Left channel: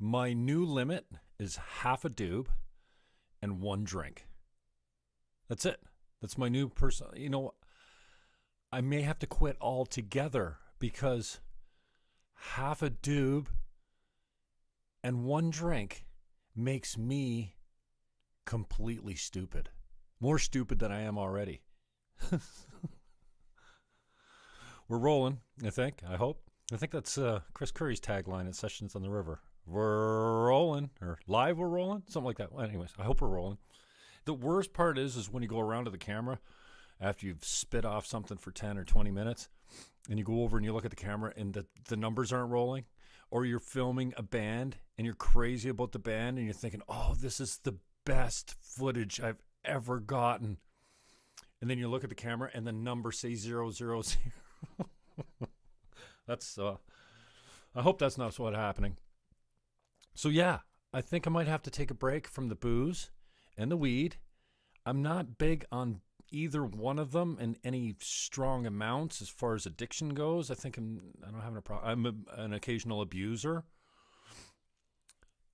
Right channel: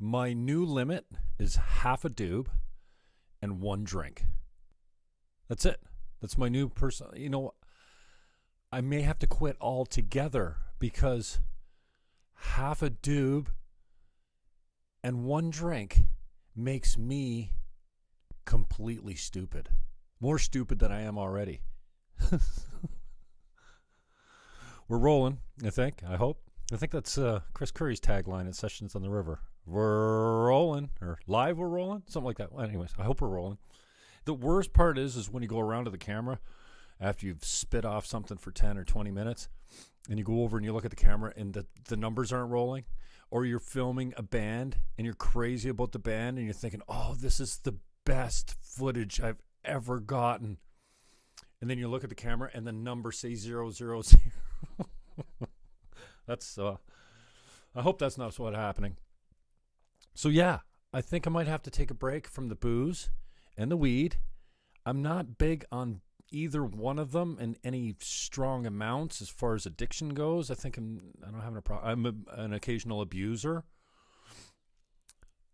My new limit is half a Dube and one drink. That's it. That's my new person. You know, I may have to quit altogether because half a Dube and one drink makes me completely stupid. More stupid than I am already. We're rolling, I think. I hope. I think that's Chris Curry's tagline at Sessions on the River. We're rolling, or live we're rolling, something like that. Well, anyways, I hope we're rolling. The worst part is when you go around to the camera after you've spit off something for 10 or 20 minutes, and you go over and you look at the camera and the numbers aren't rolling, or you're filming a band and you're crazy about the band and you're thinking, oh, this is the best footage I've ever gotten. And then you look at the camera and the number says 000. That's, I hope that's not what's happening. So yeah, I think I might have to take a break from the booze and the weed. I'm not big on either one of them in any strong amounts as far as addiction goes. I don't have a problem. I'm an occasional abuser.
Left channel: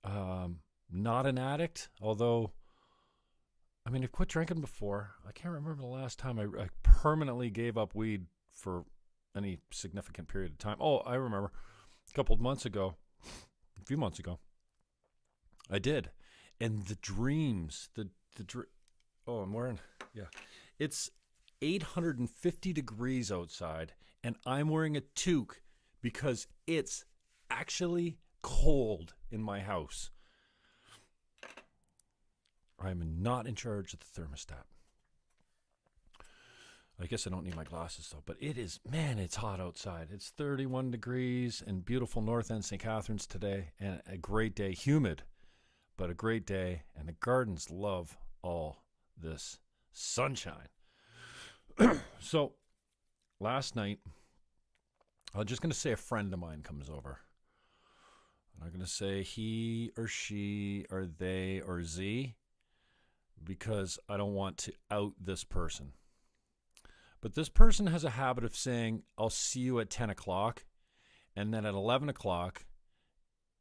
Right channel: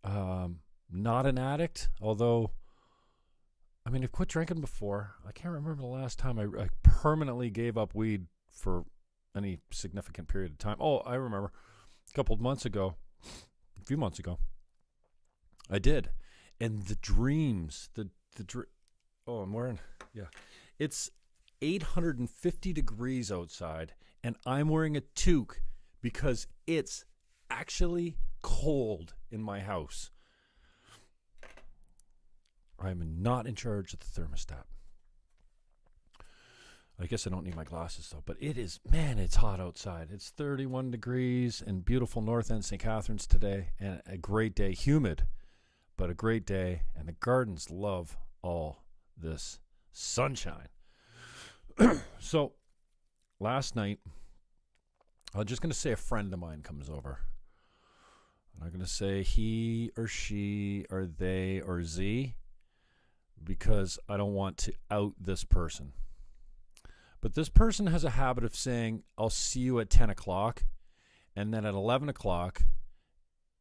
Not an addict, although, I mean, I've quit drinking before. I can't remember the last time I permanently gave up weed for any significant period of time. Oh, I remember a few months ago, I did. And the dreams, I'm wearing, yeah. It's 850 degrees outside, and I'm wearing a toque because it's actually cold in my house. I'm not in charge of the thermostat. I guess I don't need my glasses though, but it's hot outside. It's 31 degrees in beautiful North End St. Catharines today, and a great day, humid, but a great day, and the gardens love all this sunshine. So last night, I'm just going to say a friend of mine comes over. I'm not going to say he or she or they or Z because I don't want to out this person. But this person has a habit of saying, I'll see you at 10 o'clock. And then at 11 o'clock,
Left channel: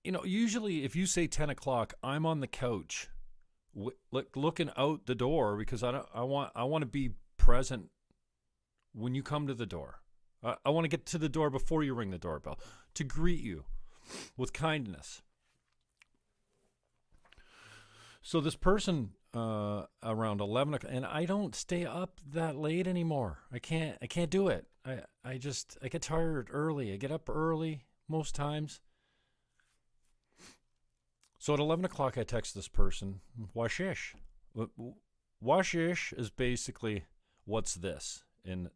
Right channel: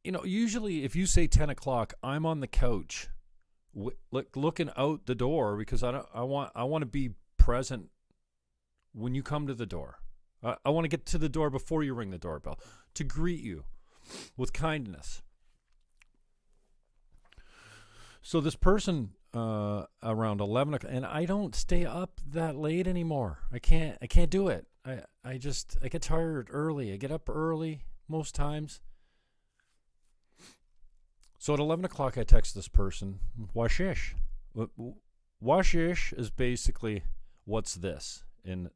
usually if you say 10 o'clock, I'm on the couch looking out the door because I want to be present when you come to the door. I want to get to the door before you ring the doorbell to greet you with kindness. So this person around 11 o'clock, and I don't stay up that late anymore. I can't do it. I get tired early. I get up early most times. So at 11 o'clock, I text this person, Washish. Washish is basically, what's this in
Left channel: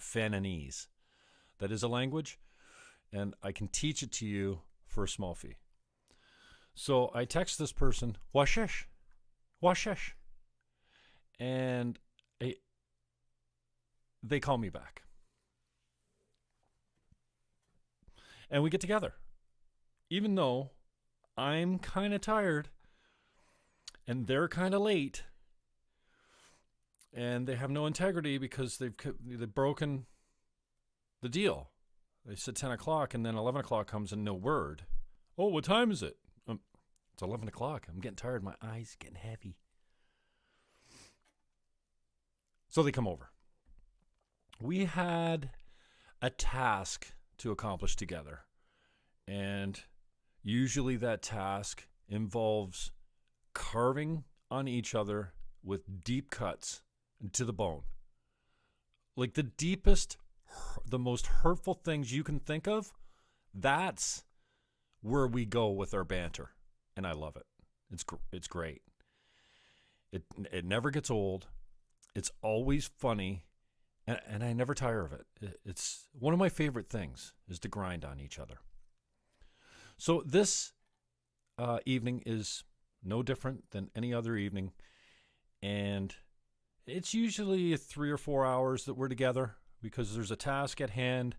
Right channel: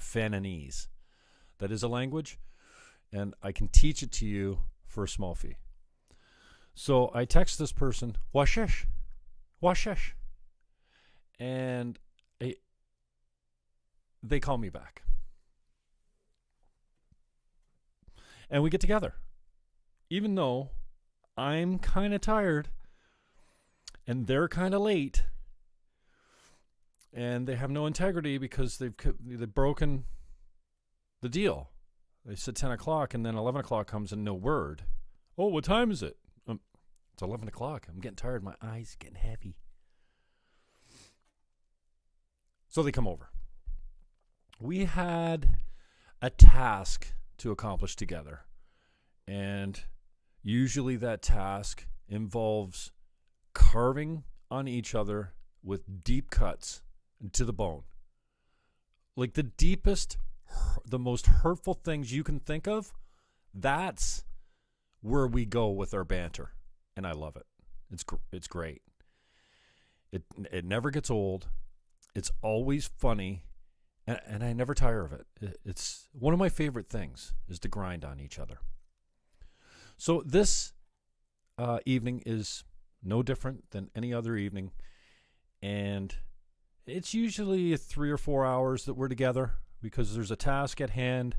Fannonese. That is a language, and I can teach it to you for a small fee. So I text this person, Washish. And they call me back. And we get together. Even though I'm kind of tired and they're kind of late and they have no integrity because they've broken the deal. They said 10 o'clock and then 11 o'clock comes and no word. Oh, what time is it? It's 11 o'clock. I'm getting tired. My eyes are getting heavy. So they come over. We had a task to accomplish together. And usually that task involves carving on each other with deep cuts to the bone. Like the deepest, the most hurtful things you can think of, that's where we go with our banter. And I love it. It's great. It never gets old. It's always funny, and I never tire of it. It's one of my favorite things is to grind on each other. So this evening is no different than any other evening, and it's usually 3 or 4 hours that we're together because there's a task at hand.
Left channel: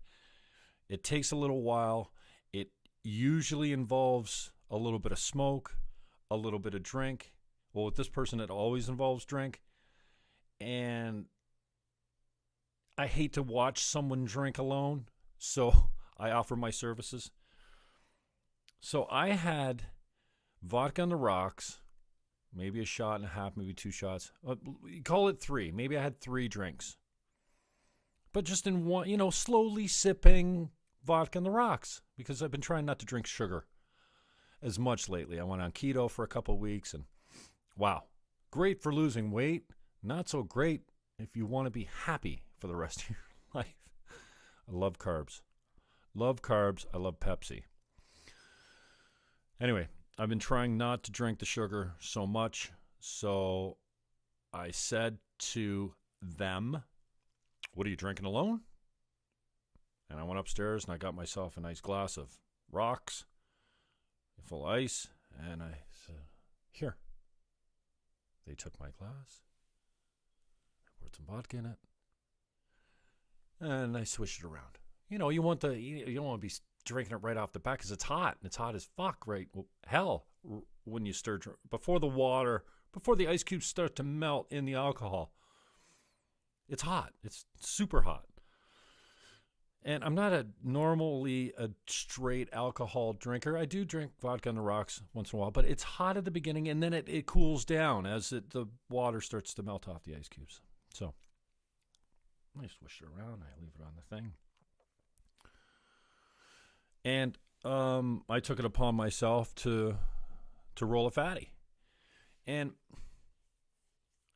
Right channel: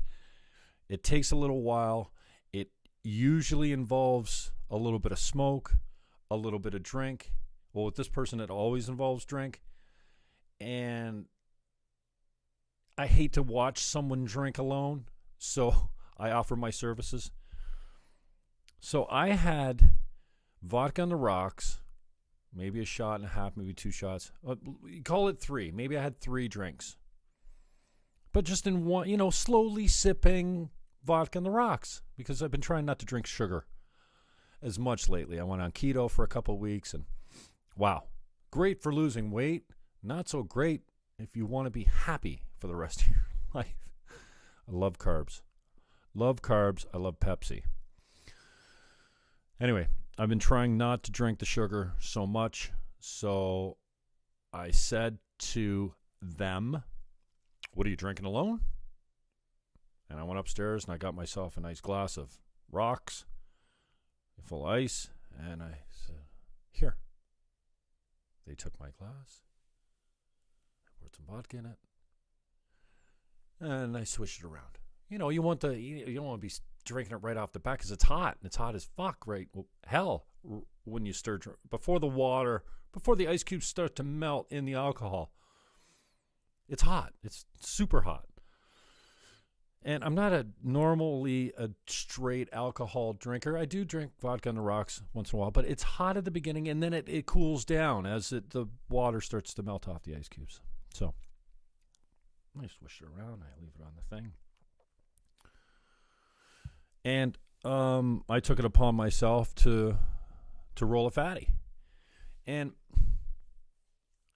It takes a little while. It usually involves a little bit of smoke, a little bit of drink. Well, with this person, it always involves drink. And I hate to watch someone drink alone, so I offer my services. So I had vodka on the rocks, maybe a shot and a half, maybe 2 shots. You call it 3. Maybe I had 3 drinks. But just in one, slowly sipping vodka on the rocks, because I've been trying not to drink sugar as much lately. I went on keto for a couple of weeks, and wow, great for losing weight. Not so great if you want to be happy for the rest of your life. I love carbs. I love Pepsi. Anyway, I've been trying not to drink the sugar so much. So I said to them, "What are you drinking alone?" And I went upstairs and I got myself a nice glass of rocks, full ice, and I said, "Here." They took my glass, I poured some vodka in it, and I switched it around. You don't want to be drinking it right off the bat because it's hot. It's hot as fuck, right? Well, hell, when you stir before the ice cubes start to melt in the alcohol. It's hot. It's super hot. And I'm not normally a straight alcohol drinker. I do drink vodka on the rocks once in a while, but it's hot at the beginning, and then it cools down as the water starts to melt off the ice cubes. So I switch it around. I leave it on the thing. And I took it upon myself to roll a fatty. And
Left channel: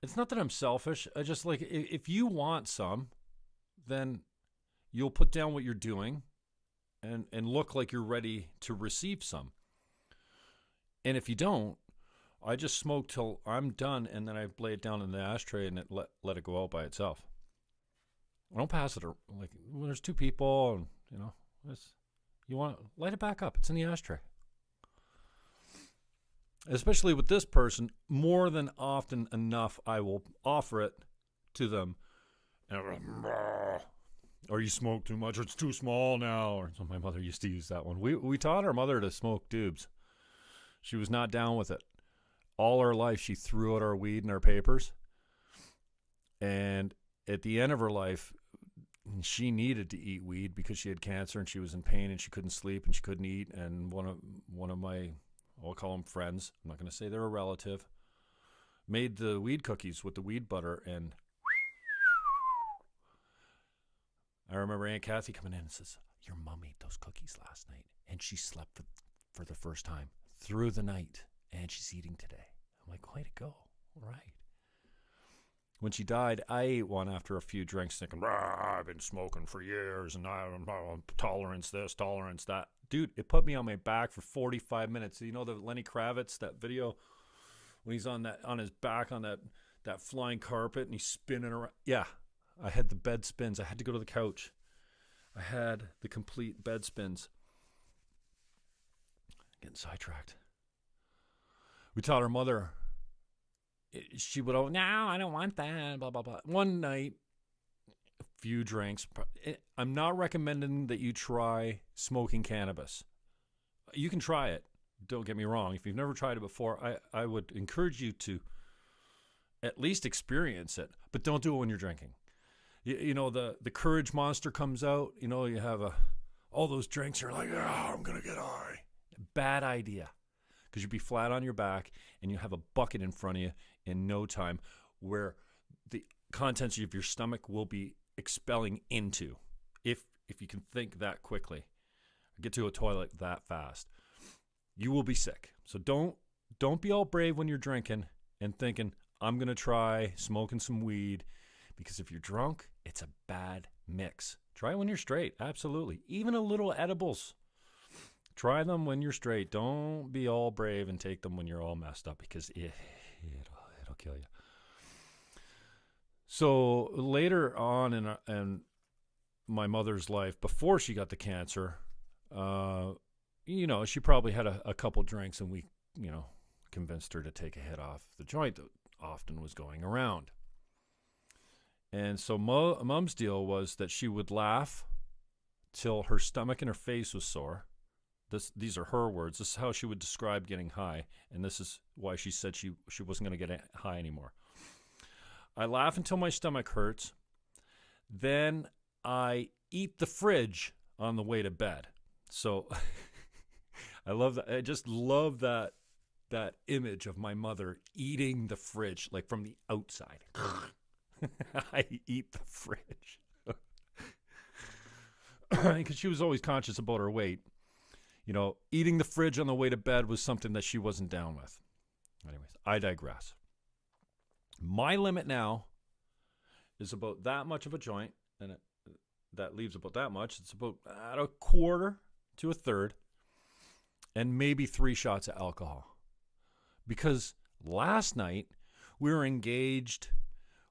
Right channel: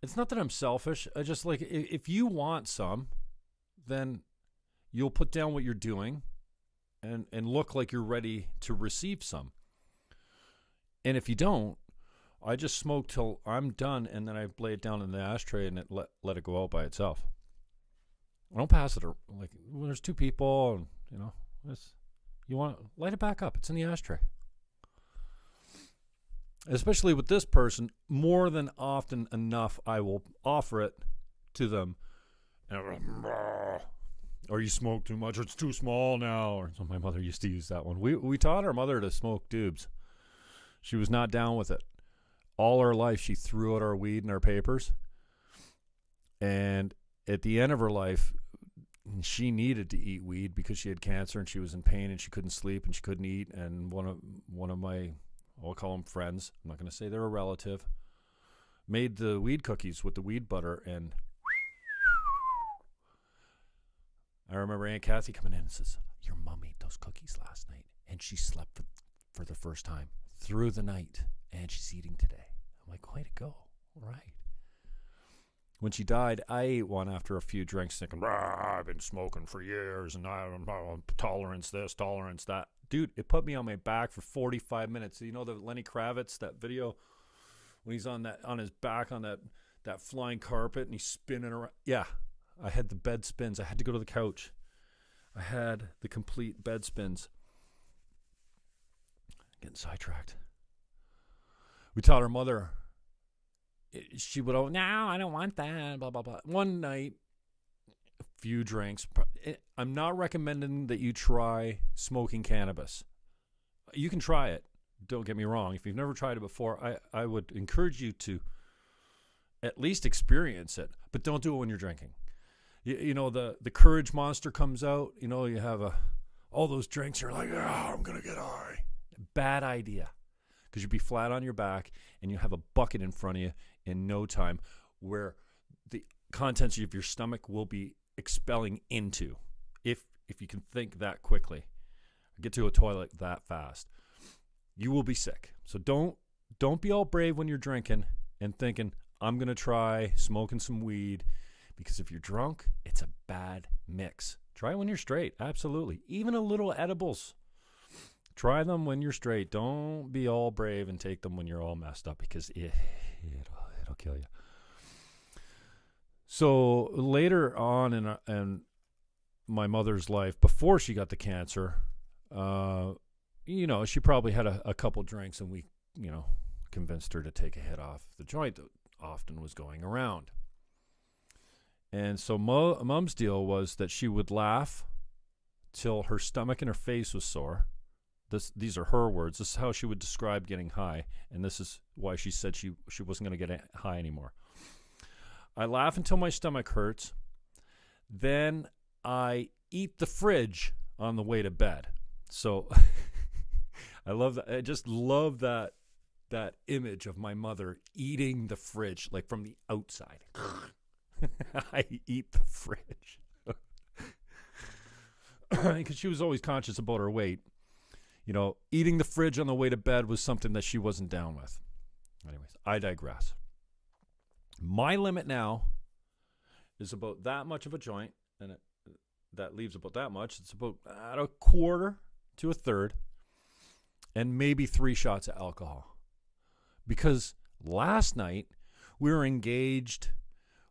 it's not that I'm selfish. I just like, if you want some, then you'll put down what you're doing and look like you're ready to receive some. And if you don't, I just smoke till I'm done, and then I lay it down in the ashtray and let it go out by itself. I don't pass it. Like when there's 2 people, and you want light it back up. It's in the ashtray. Especially with this person, more than often enough, I will offer it to them, and or you smoke too much, or it's too small now. Or so my mother used to use that one. We taught our mother to smoke Dubes. She was not down with it. All her life, she threw out our weed and our papers. And at the end of her life, she needed to eat weed because she had cancer and she was in pain and she couldn't sleep and she couldn't eat. And one of my, I'll call them friends, I'm not going to say they're a relative, made the weed cookies with the weed butter. And I remember Aunt Kathy coming in and says, "Your mom ate those cookies last night and she slept for the first time through the night and she's eating today." I'm like, way to go. Right. When she died, I ate one after a few drinks thinking, I've been smoking for years and I'm tolerance this, tolerance that. Dude, it put me on my back for 45 minutes. You know the Lenny Kravitz, that video when he's on his back on that flying carpet and he's spinning around? Yeah, I had the bed spins. I had to go to the couch. I had the complete bed spins. Getting sidetracked. We taught our mother, she would, "Oh, no, I don't want that, blah, blah, blah." One night, a few drinks. I'm not recommending that you try smoking cannabis. You can try it. Don't get me wrong. If you've never tried it before, I would encourage you to at least experience it, but don't do it when you're drinking. You know, the courage monster comes out. You know, you have all those drinks. You're like, I'm going to get high. Bad idea. Because you'd be flat on your back and you have a bucket in front of you in no time where the contents of your stomach will be expelling into, if you can think that quickly, get to a toilet that fast, you will be sick. So don't be all brave when you're drinking and thinking, I'm going to try smoking some weed, because if you're drunk, it's a bad mix. Try it when you're straight. Absolutely. Even a little edibles. Try them when you're straight. Don't be all brave and take them when you're all messed up, because it'll kill you. So later on in my mother's life, before she got the cancer, she probably had a couple drinks, and we, convinced her to take a hit off the joint that often was going around. And so Mom's deal was that she would laugh till her stomach and her face was sore. These are her words. This is how she would describe getting high, and this is why she said she wasn't going to get high anymore. I laugh until my stomach hurts. Then I eat the fridge on the way to bed. So I love that. I just love that image of my mother eating the fridge, like from the outside. I eat the fridge. Because she was always conscious about her weight. You know, eating the fridge on the way to bed was something that she wasn't down with. Anyways, I digress. My limit now is about that much of a joint, and that leaves about that much. It's about a quarter to a third, and maybe 3 shots of alcohol. Because last night we were engaged,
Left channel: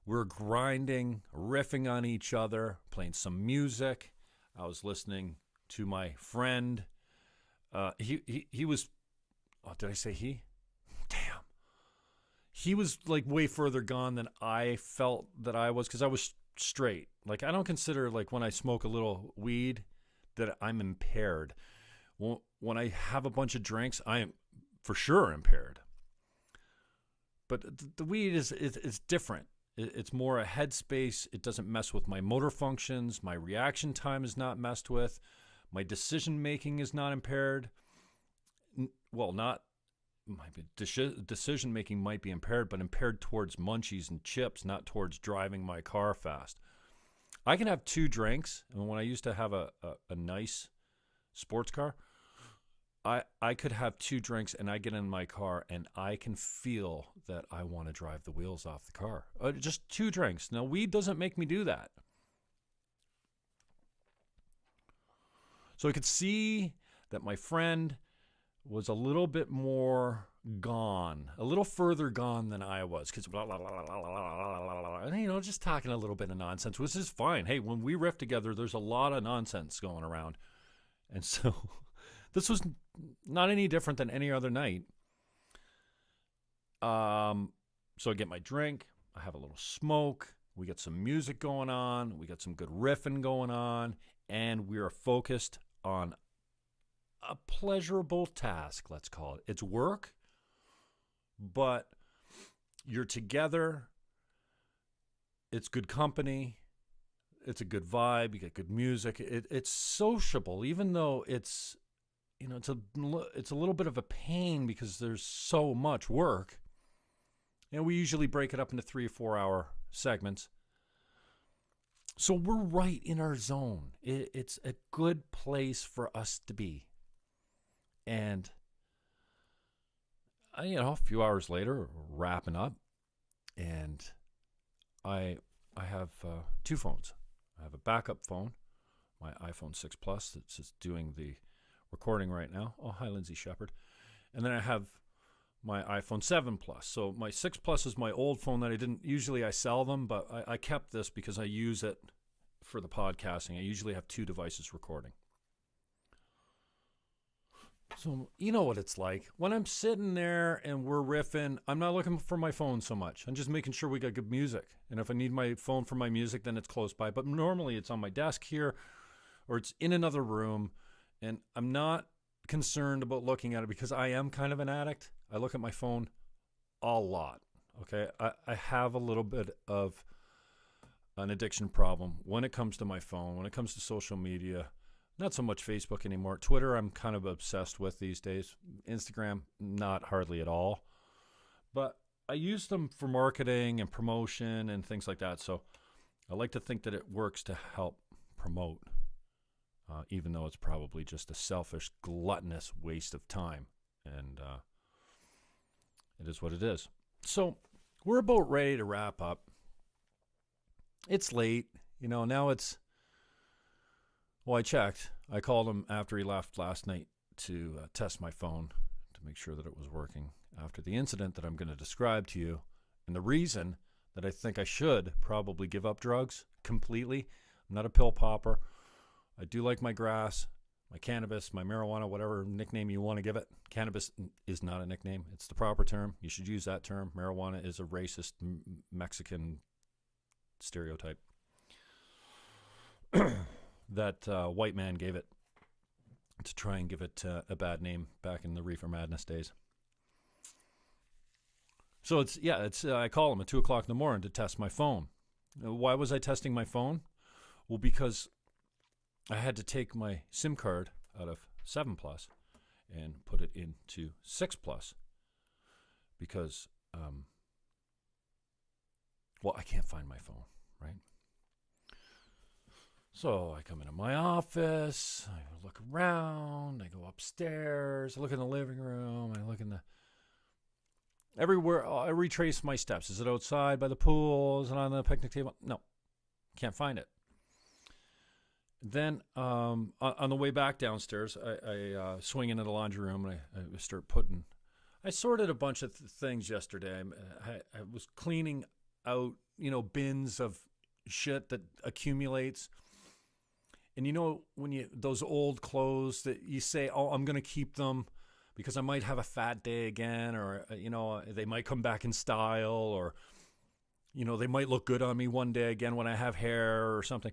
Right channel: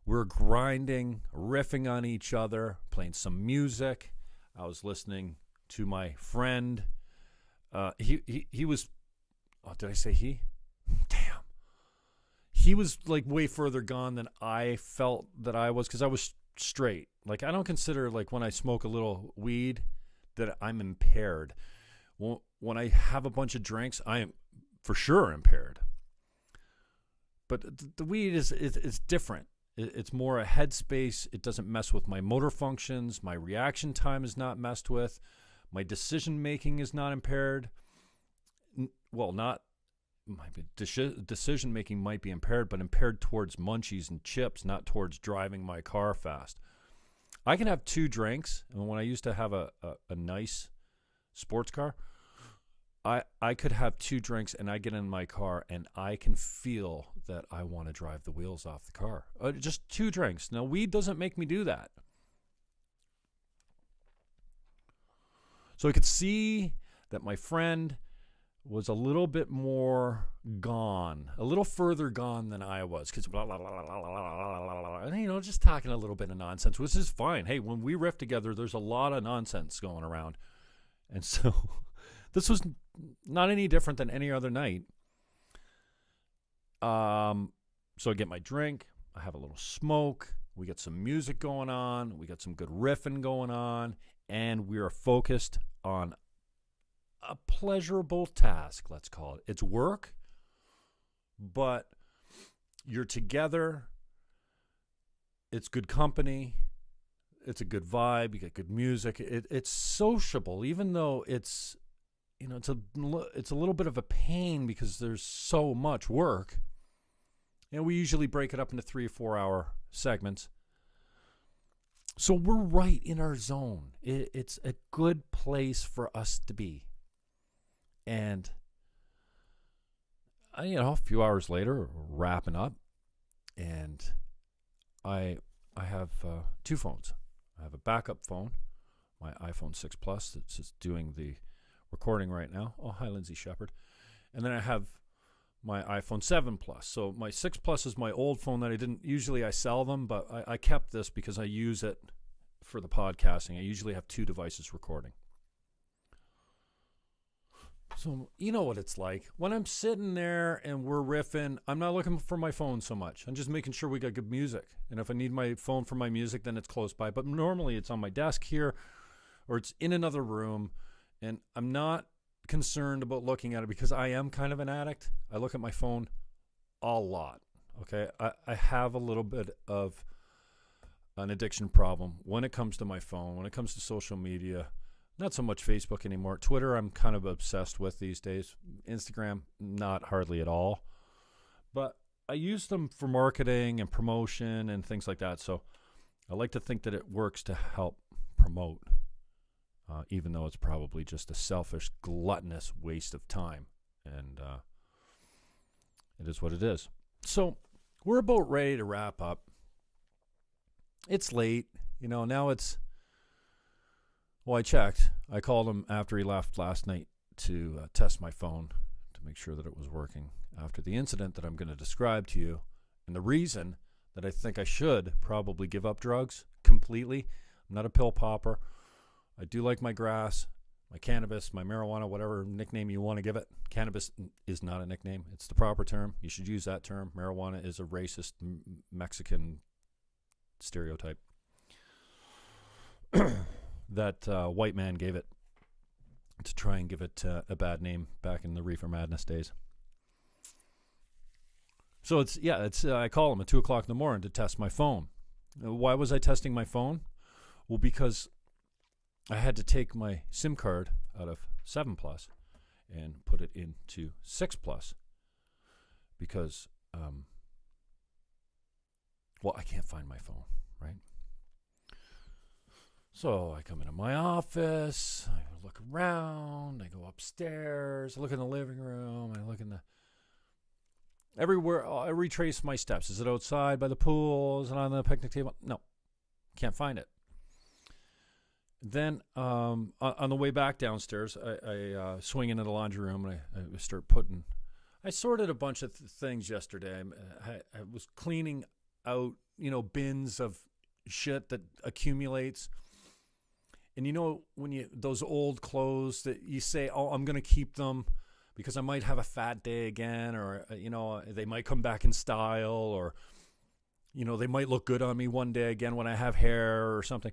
we were grinding, riffing on each other, playing some music. I was listening to my friend. He was, oh, did I say he? Damn. He was like way further gone than I felt that I was, because I was straight. Like, I don't consider, like, when I smoke a little weed that I'm impaired. When I have a bunch of drinks, I am for sure impaired. But the weed is different. It's more a headspace. It doesn't mess with my motor functions. My reaction time is not messed with. My decision-making is not impaired. Well, decision-making might be impaired, but impaired towards munchies and chips, not towards driving my car fast. I can have 2 drinks, and when I used to have a nice sports car, I could have 2 drinks, and I get in my car, and I can feel that I want to drive the wheels off the car. Just 2 drinks. Now, weed doesn't make me do that. So I could see that my friend was a little bit more gone, a little further gone than I was, because just talking a little bit of nonsense, which is fine. Hey, when we riff together, there's a lot of nonsense going around. And so this was not any different than any other night. So I get my drink, I have a little smoke, we get some music going on, we got some good riffing going on, and we are focused on a pleasurable task, let's call it. It's work, but you're together, it's good company, it's a good vibe, you get good music, it's sociable, even though it's, it's a little bit of a pain because there's so much work. And we usually break it up into 3 or 4 hour segments. So we're right in our zone. It's a good place for us to be. And, a few hours later, wrapping up, and I have 2 phones. I have a backup phone, my iPhone 6 Plus, that's just doing the recording right now. Oh, hi, Lindsay Shepard. And then I have my iPhone 7 Plus. So my 6 Plus is my old phone that I sell them, but I kept this because I use it for the podcasting. I usually have 2 devices recording. So you know what it's like. When I'm sitting there and we're riffing, I'm not looking for my phone so much. I'm just making sure we got good music. And if I need my phone for my music, then it's close by. But normally it's on my desk here, or it's in another room, and I'm not concerned about looking at it because I am kind of an addict. I look at my phone a lot. Okay, I have a little bit of an addiction problem when it comes to my phone, when it comes to social media. Not so much Facebook anymore. Twitter, I'm kind of obsessed with these days. Instagram, not hardly at all. But I use them for marketing and promotion and things like that. So I like to think that it works to help promote, even though it's probably just a selfish, gluttonous waste of time. And it is what it is. So we're about ready to wrap up. It's late. Now it's... Well, I checked. I called him after he left last night to test my phone to make sure that it was working after the incident that I'm going to describe to you. And the reason that I think I should probably give up drugs completely. I'm not a pill popper. I do like my grass, my cannabis, my marijuana, whatever nickname you want to give it. Cannabis is not a nickname. It's the proper term. You should use that term. Marijuana is a racist Mexican stereotype that white man gave it to try and give it a bad name back in the Reefer Madness days. So I call him at 2 o'clock in the morning to test my phone. Why was I testing my phone? Well, because I had to take my SIM card out of 7 Plus and put it into 6 Plus because, I can't find my phone, right? So I come into my office, I look around, I go upstairs, I look in the living room, I look in everywhere. I retrace my steps. Is it outside by the pool? Is it on the picnic table? No, can't find it. Then on the way back downstairs, I swing into the laundry room and I start putting. I sorted a bunch of things yesterday. I was cleaning out, bins of shit that accumulates. And when those old clothes that you say, oh, I'm going to keep them because I might have a fat day again, or, they might come back in style, or, they might look good on me one day again when I have hair or something.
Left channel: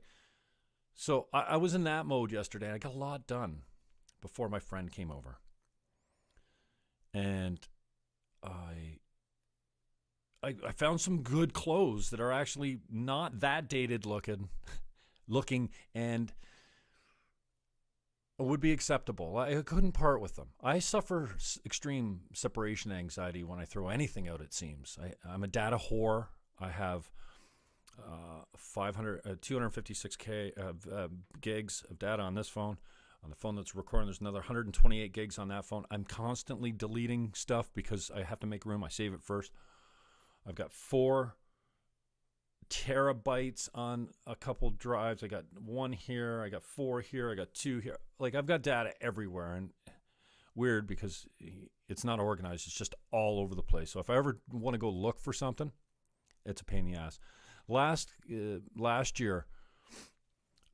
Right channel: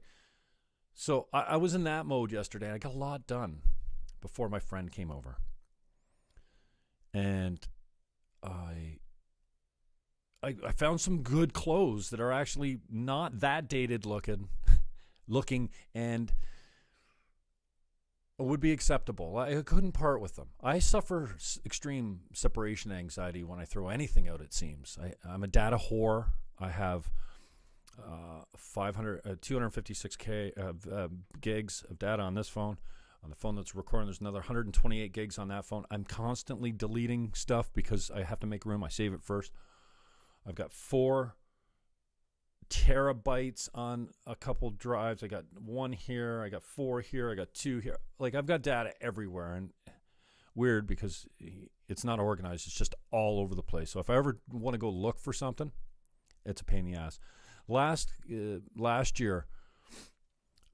So I was in that mode yesterday. I got a lot done before my friend came over. And I found some good clothes that are actually not that dated looking and would be acceptable. I couldn't part with them. I suffer extreme separation anxiety when I throw anything out, it seems. I'm a data whore. I have 256 gigs of data on this phone. On the phone that's recording, there's another 128 gigs on that phone. I'm constantly deleting stuff because I have to make room. I save it first. I've got 4 terabytes on a couple drives. I got 1 here. I got 4 here. I got 2 here. Like, I've got data everywhere, and weird because it's not organized. It's just all over the place. So if I ever want to go look for something, it's a pain in the ass. Last year,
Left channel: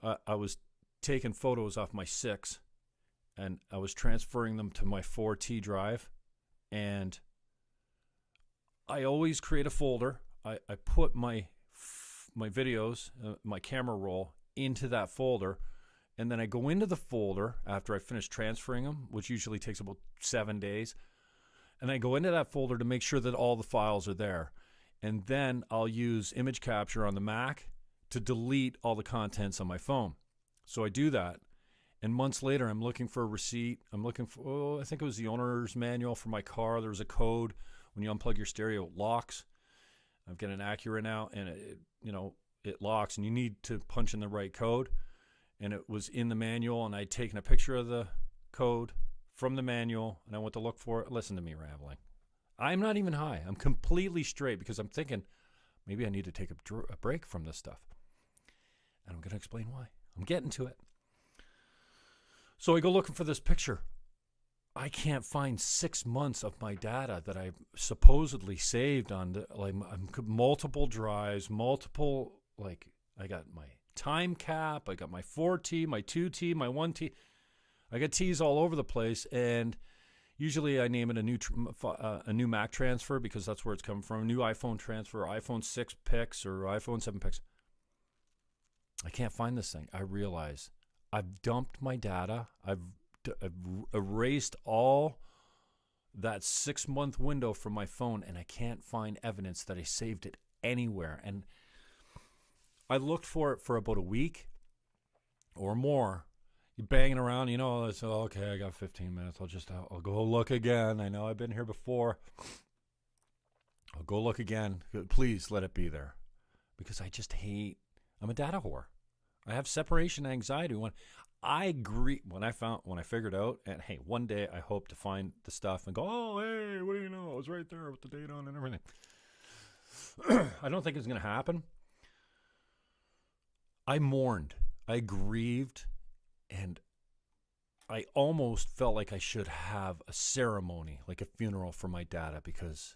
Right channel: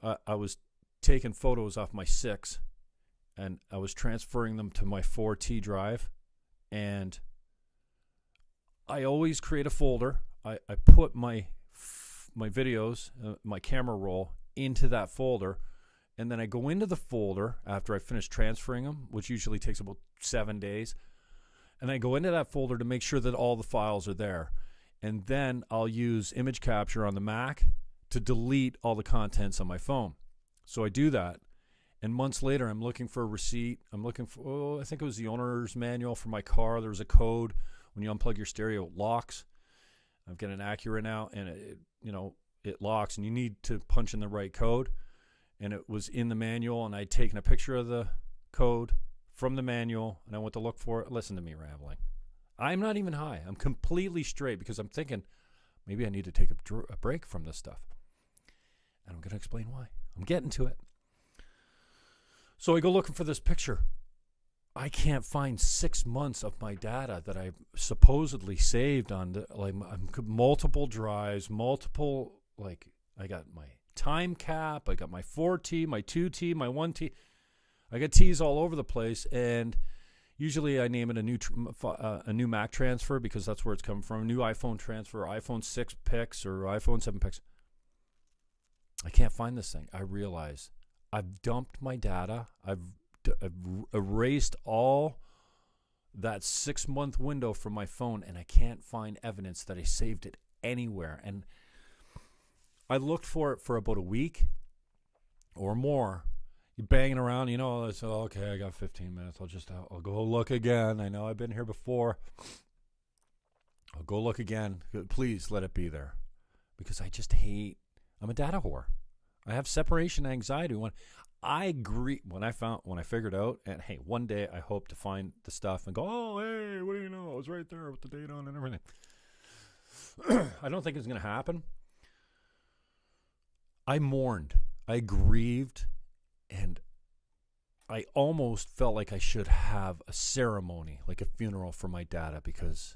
I was taking photos off my 6, and I was transferring them to my 4T drive, and I always create a folder. I put my videos, my camera roll, into that folder, and then I go into the folder after I finish transferring them, which usually takes about 7 days, and I go into that folder to make sure that all the files are there. And then I'll use image capture on the Mac to delete all the contents on my phone. So I do that. And months later, I'm looking for a receipt. I'm looking for, I think it was the owner's manual for my car. There was a code. When you unplug your stereo, it locks. I've got an Acura now, and it locks, and you need to punch in the right code. And it was in the manual, and I'd taken a picture of the code from the manual, and I went to look for it. Listen to me rambling. I'm not even high. I'm completely straight because I'm thinking maybe I need to take a break from this stuff. And I'm going to explain why. I'm getting to it. So I go looking for this picture. I can't find 6 months of my data that I supposedly saved on multiple drives, I got my time cap, I got my 4T, my 2T, my 1T. I got T's all over the place, and usually I name it a new Mac transfer because that's where it's coming from. A new iPhone transfer, iPhone 6 pics or iPhone 7 pics. I can't find this thing. I realize I've dumped my data. I've erased all that 6-month window from my phone, and I can't find evidence that I saved it anywhere. And I looked for it for about a week or more. You're banging around, it's okay, I got 15 minutes. I'll go look again. I know I've been here before. I'll go look again. Please let it be there. Because I'm a data whore. I have separation anxiety. When I figured out, and hey, one day I hope to find the stuff and go, oh, hey, what do you know? It was right there with the date on and everything. I don't think it's going to happen. I mourned. I grieved. And I almost felt like I should have a ceremony, like a funeral for my data, because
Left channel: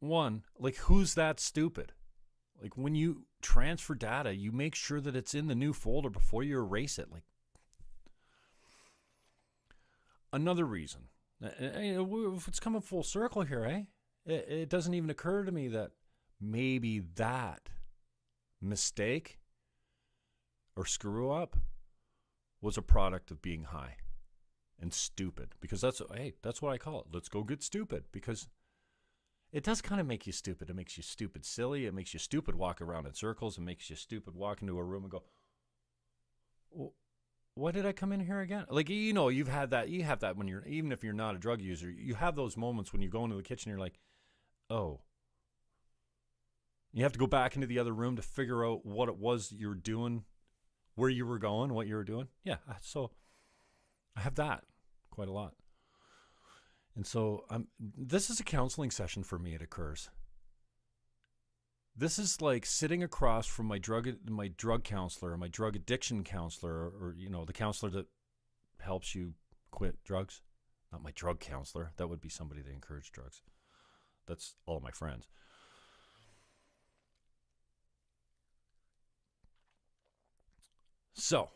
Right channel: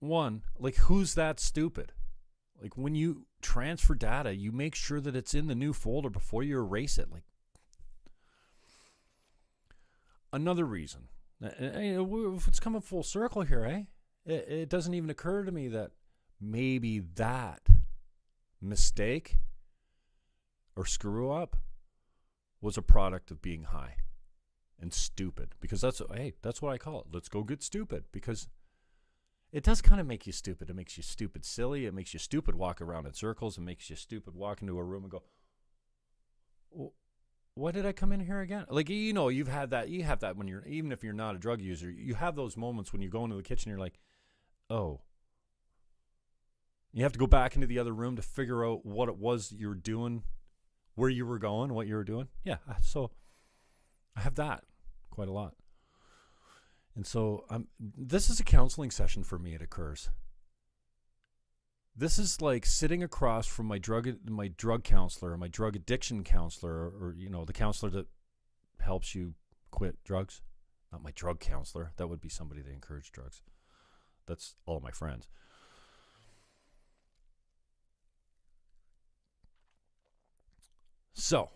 one, who's that stupid? When you transfer data, you make sure that it's in the new folder before you erase it. Another reason, it's coming full circle here, eh? It doesn't even occur to me that maybe that mistake or screw up was a product of being high and stupid, because that's what I call it. Let's go get stupid, because it does kind of make you stupid. It makes you stupid silly. It makes you stupid walk around in circles. It makes you stupid walk into a room and go, why did I come in here again? Like, you have that when even if you're not a drug user, you have those moments when you go into the kitchen, you're like, oh. You have to go back into the other room to figure out what it was you were doing, where you were going, what you were doing. Yeah, so I have that quite a lot. And so this is a counseling session for me, it occurs. This is like sitting across from my drug counselor, my drug addiction counselor, or the counselor that helps you quit drugs. Not my drug counselor. That would be somebody that encouraged drugs. That's all my friends. So,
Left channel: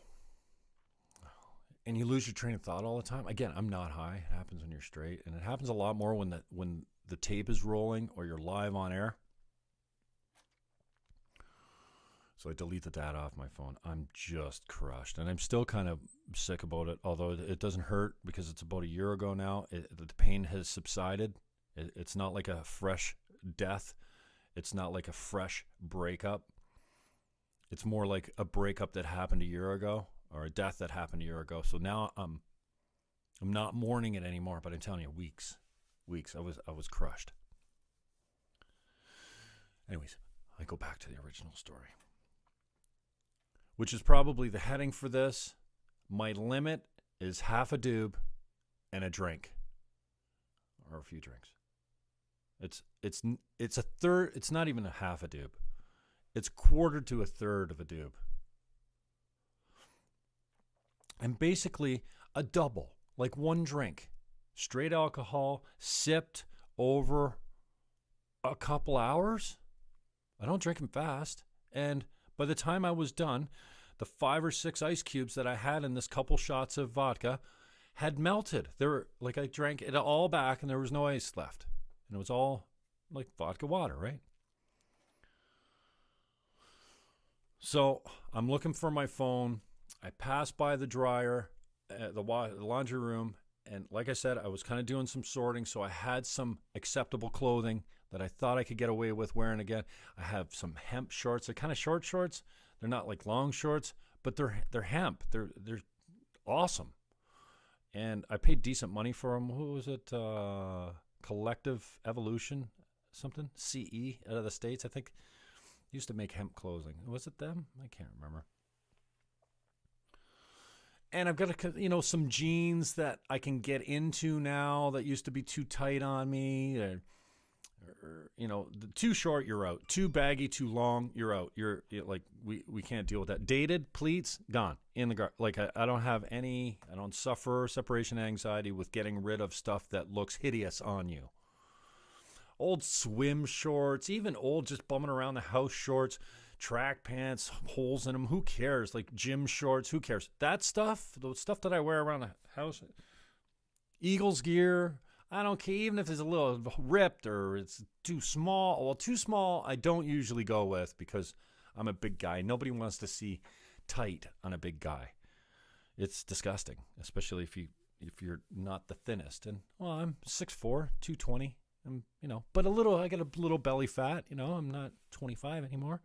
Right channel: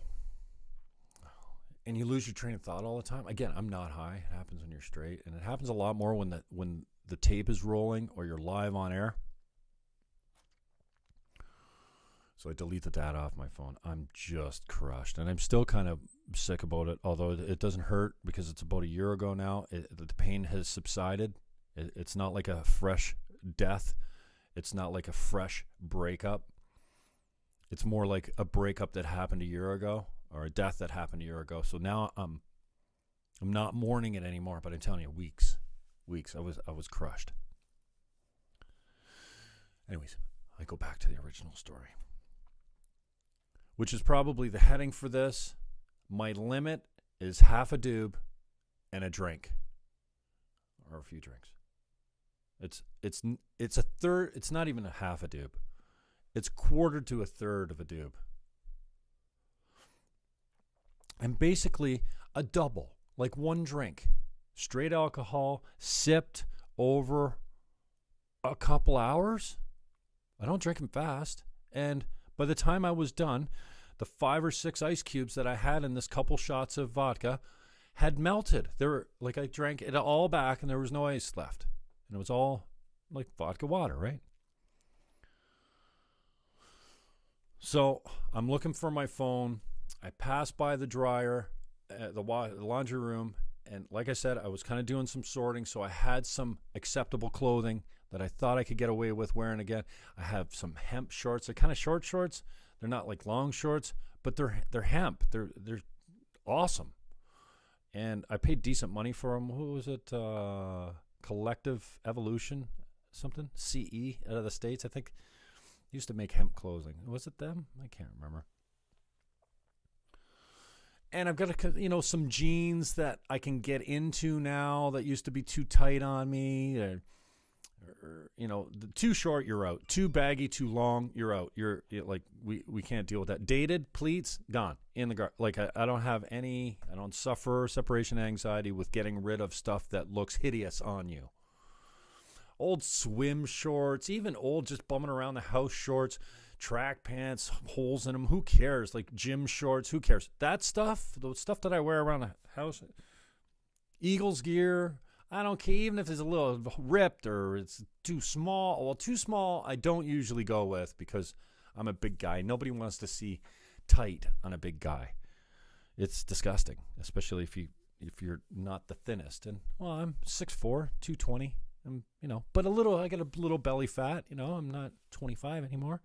and you lose your train of thought all the time. Again, I'm not high. It happens when you're straight, and it happens a lot more when the tape is rolling or you're live on air. So I delete the data off my phone. I'm just crushed, and I'm still kind of sick about it, although it doesn't hurt because it's about a year ago now. The pain has subsided. It's not like a fresh death. It's not like a fresh breakup. It's more like a breakup that happened a year ago or a death that happened a year ago. So now I'm not mourning it anymore, but I'm telling you, weeks. I was crushed. Anyways, I go back to the original story, which is probably the heading for this. My limit is half a dube and a drink, or a few drinks. It's a third. It's not even a half a dube. It's quarter to a third of a dube. And basically a double, like one drink. Straight alcohol, sipped over a couple hours. I don't drink them fast. And by the time I was done, the 5 or 6 ice cubes that I had in this couple shots of vodka had melted. They were like, I drank it all back and there was no ice left. And it was all like vodka water, right? So I'm looking for my phone. I pass by the dryer, the laundry room, and like I said, I was kind of doing some sorting, so I had some acceptable clothing that I thought I could get away with wearing again. I have some hemp shorts. They're kind of short shorts. They're not like long shorts, but they're hemp. They're awesome, and I paid decent money for them. Who was it? Collective Evolution, something CE out of the States, I think. Used to make hemp clothing. Was it them? I can't remember. And I've got some jeans that I can get into now that used to be too tight on me. Too short, you're out. Too baggy, too long, you're out. You're like, we can't deal with that. Dated, pleats, gone. In the gar. Like, I don't suffer separation anxiety with getting rid of stuff that looks hideous on you. Old swim shorts, even old just bumming around the house shorts, track pants, holes in them. Who cares? Like gym shorts, who cares? That stuff, the stuff that I wear around the house, Eagles gear, I don't care. Even if it's a little ripped or it's too small. Well, too small, I don't usually go with because I'm a big guy. Nobody wants to see tight on a big guy. It's disgusting, especially if you're not the thinnest. And well, I'm 6'4", 220. But I got a little belly fat, I'm not 25 anymore.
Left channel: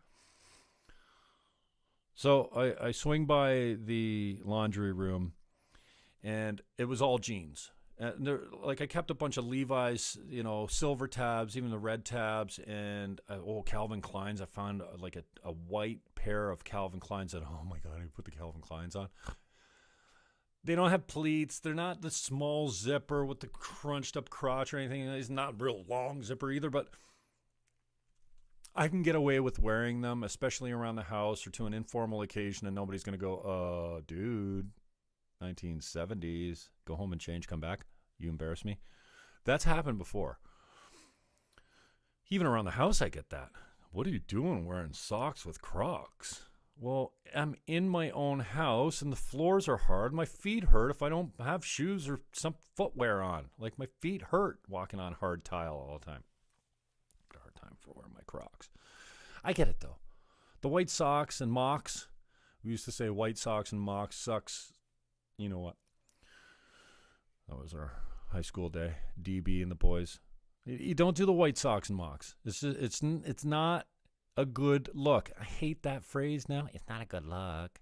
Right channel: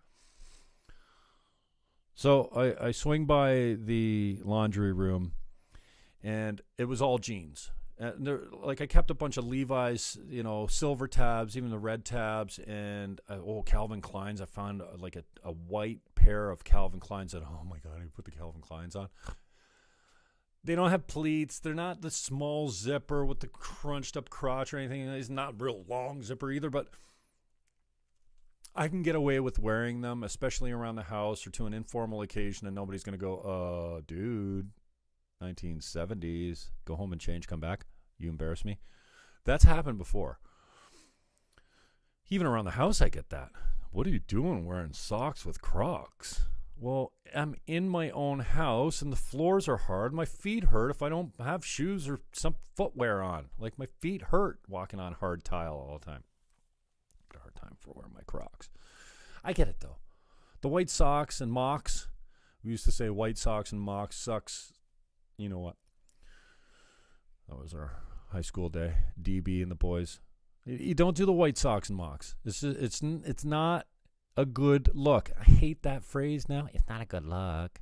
So I swing by the laundry room and it was all jeans. And I kept a bunch of Levi's, silver tabs, even the red tabs, and Calvin Kleins. I found a white pair of Calvin Kleins that, oh my God, I put the Calvin Kleins on. They don't have pleats. They're not the small zipper with the crunched up crotch or anything. It's not real long zipper either, but I can get away with wearing them, especially around the house or to an informal occasion, and nobody's going to go, dude, 1970s, go home and change, come back. You embarrass me. That's happened before. Even around the house, I get that. What are you doing wearing socks with Crocs? Well, I'm in my own house and the floors are hard. My feet hurt if I don't have shoes or some footwear on. Like my feet hurt walking on hard tile all the time. Got a hard time for wearing my Crocs. I get it though. The white socks and mocks. We used to say white socks and mocks sucks. You know what? That was our high school day. DB and the boys. You don't do the white socks and mocks. It's not a good look. I hate that phrase now. It's not a good look.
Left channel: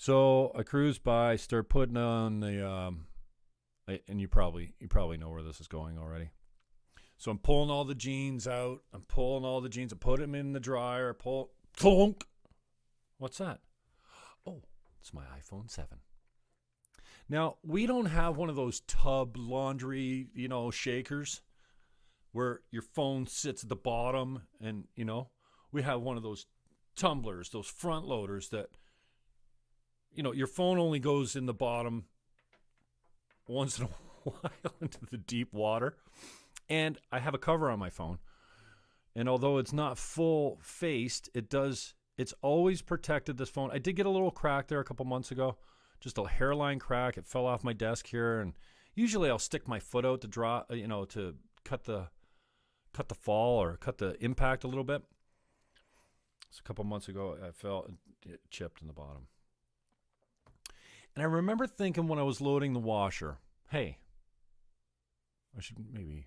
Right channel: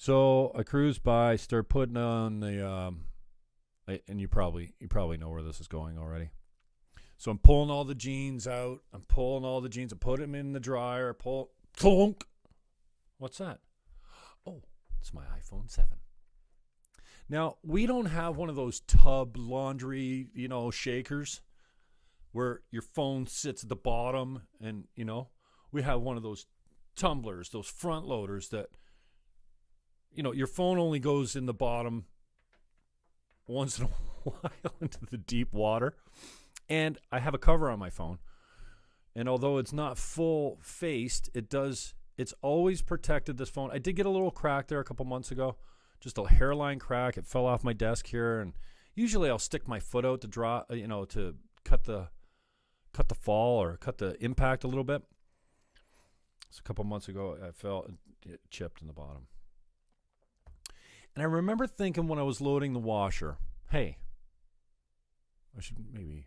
So I cruise by, start putting on the, and you probably know where this is going already. So I'm pulling all the jeans out. I put them in the dryer. Clunk. What's that? Oh, it's my iPhone 7. Now, we don't have one of those tub laundry, shakers where your phone sits at the bottom and, we have one of those tumblers, those front loaders that, your phone only goes in the bottom once in a while into the deep water. And I have a cover on my phone. And although it's not full faced, it's always protected this phone. I did get a little crack there a couple months ago. Just a hairline crack. It fell off my desk here. And usually I'll stick my foot out to to cut the fall or cut the impact a little bit. So a couple months ago, it chipped in the bottom. And I remember thinking when I was loading the washer, hey, maybe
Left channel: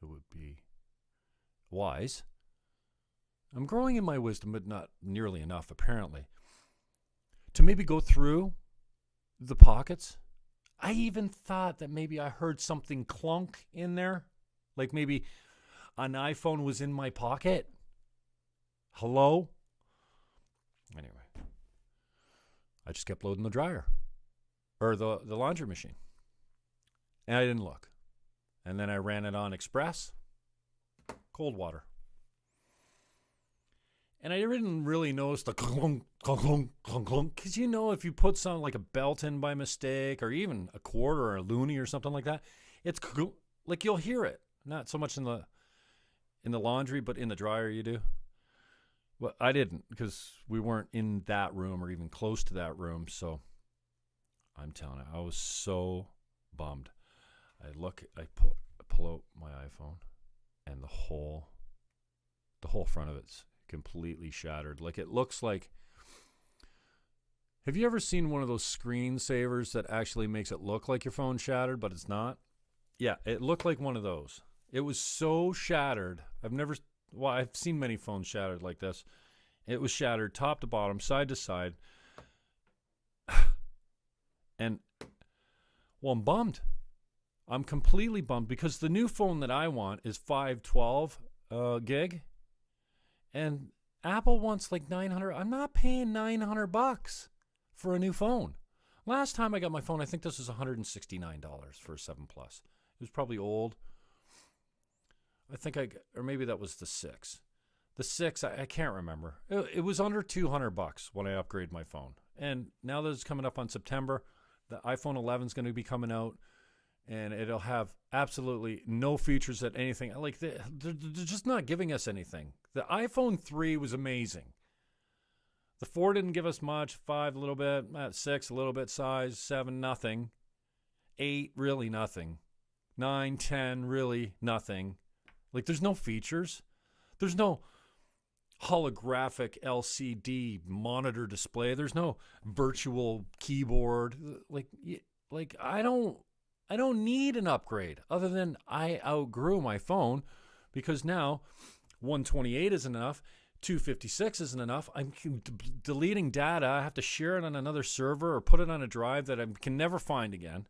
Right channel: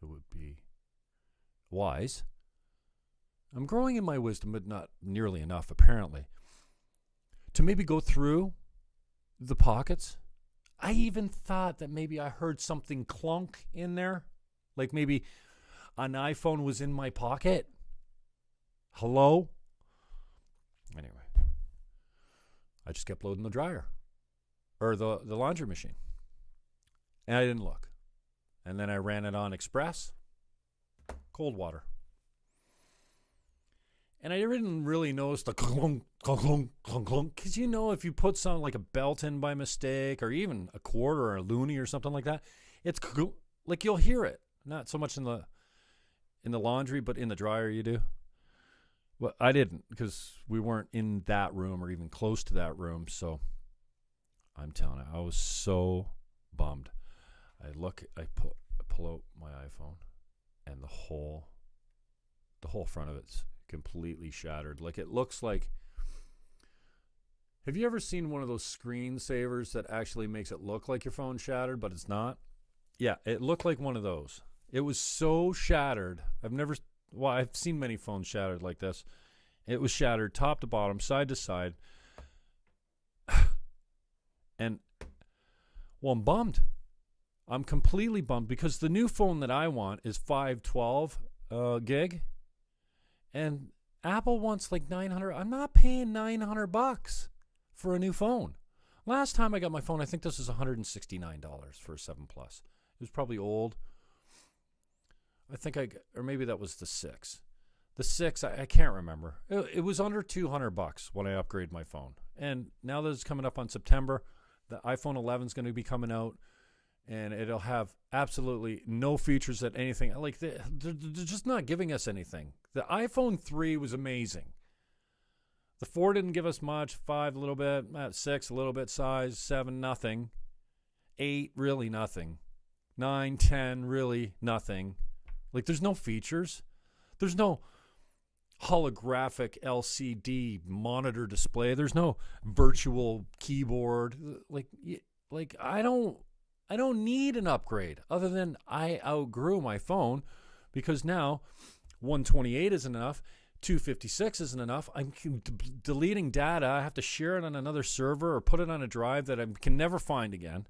it would be wise. I'm growing in my wisdom, but not nearly enough, apparently, to maybe go through the pockets. I even thought that maybe I heard something clunk in there, like maybe an iPhone was in my pocket. Hello? Anyway, I just kept loading the dryer or the laundry machine. And I didn't look. And then I ran it on express, cold water. And I didn't really notice the clunk, clunk, clunk, clunk, clunk. Because if you put something like a belt in by mistake or even a quarter or a loonie or something like that, it's like you'll hear it. Not so much in the laundry, but in the dryer you do. Well, I didn't because we weren't in that room or even close to that room. So I'm telling you, I was so bummed. I pull out my iPhone, and the whole front of it's completely shattered. Like it looks like. Have you ever seen one of those screensavers that actually makes it look like your phone shattered, but it's not? Yeah, it looked like one of those. It was so shattered. I've seen many phones shattered like this. It was shattered top to bottom, side to side. And, I'm bummed. I'm completely bummed because the new phone that I want is 512 gig. And Apple wants like $900. I'm not paying $900 for a new phone. Last time I got my phone, I think this was $169 for a 7 Plus. It was probably old. I think or maybe that was the 6. The 6, I can't remember. It was under $200 when I upgraded my phone. And now that it's coming up on September, the iPhone 11 is going to be coming out, and it'll have absolutely no features that anything. Like they're just not giving us anything. The iPhone 3 was amazing. The 4 didn't give us much. 5 a little bit. 6 a little bit size. 7 nothing. 8 really nothing. 9, 10 really nothing. Like there's no features. There's no holographic LCD monitor display. There's no virtual keyboard. Like I don't need an upgrade other than I outgrew my phone because now 128 isn't enough. 256 isn't enough. I'm deleting data. I have to share it on another server or put it on a drive that I can never find again.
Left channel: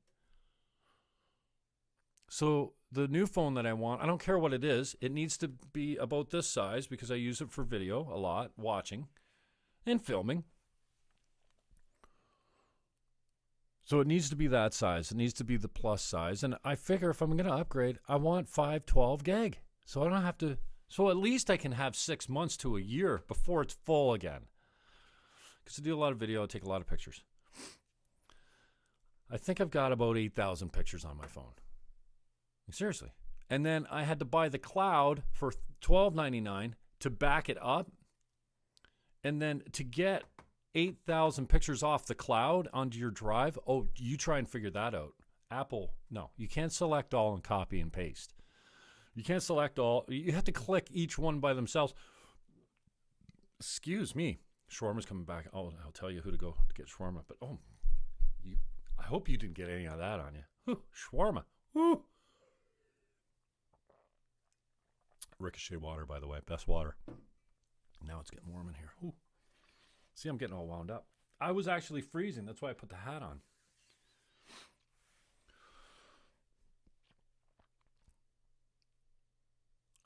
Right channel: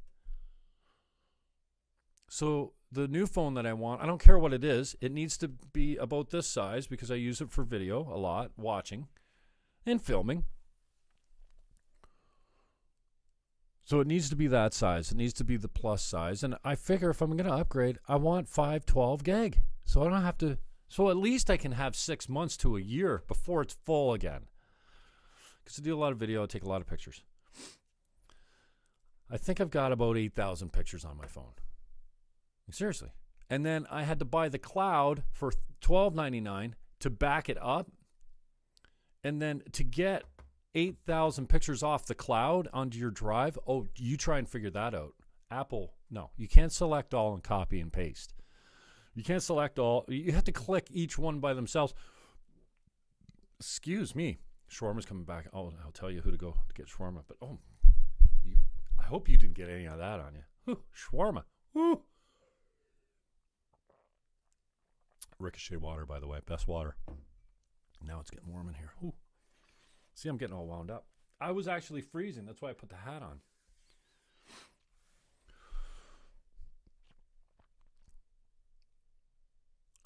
So the new phone that I want, I don't care what it is. It needs to be about this size because I use it for video a lot, watching and filming. So it needs to be that size. It needs to be the plus size. And I figure if I'm going to upgrade, I want 512 gig. So I don't have to, so at least I can have 6 months to a year before it's full again. Because I do a lot of video, I take a lot of pictures. I think I've got about 8,000 pictures on my phone. Seriously. And then I had to buy the cloud for $12.99 to back it up. And then to get 8,000 pictures off the cloud onto your drive, oh, you try and figure that out. Apple, no. You can't select all and copy and paste. You can't select all. You have to click each one by themselves. Excuse me. Shawarma's coming back. Oh, I'll tell you who to go to get shawarma. But, I hope you didn't get any of that on you. Whew, shawarma. Woo. Ricochet water, by the way. Best water. Now it's getting warm in here. Ooh. See, I'm getting all wound up. I was actually freezing. That's why I put the hat on.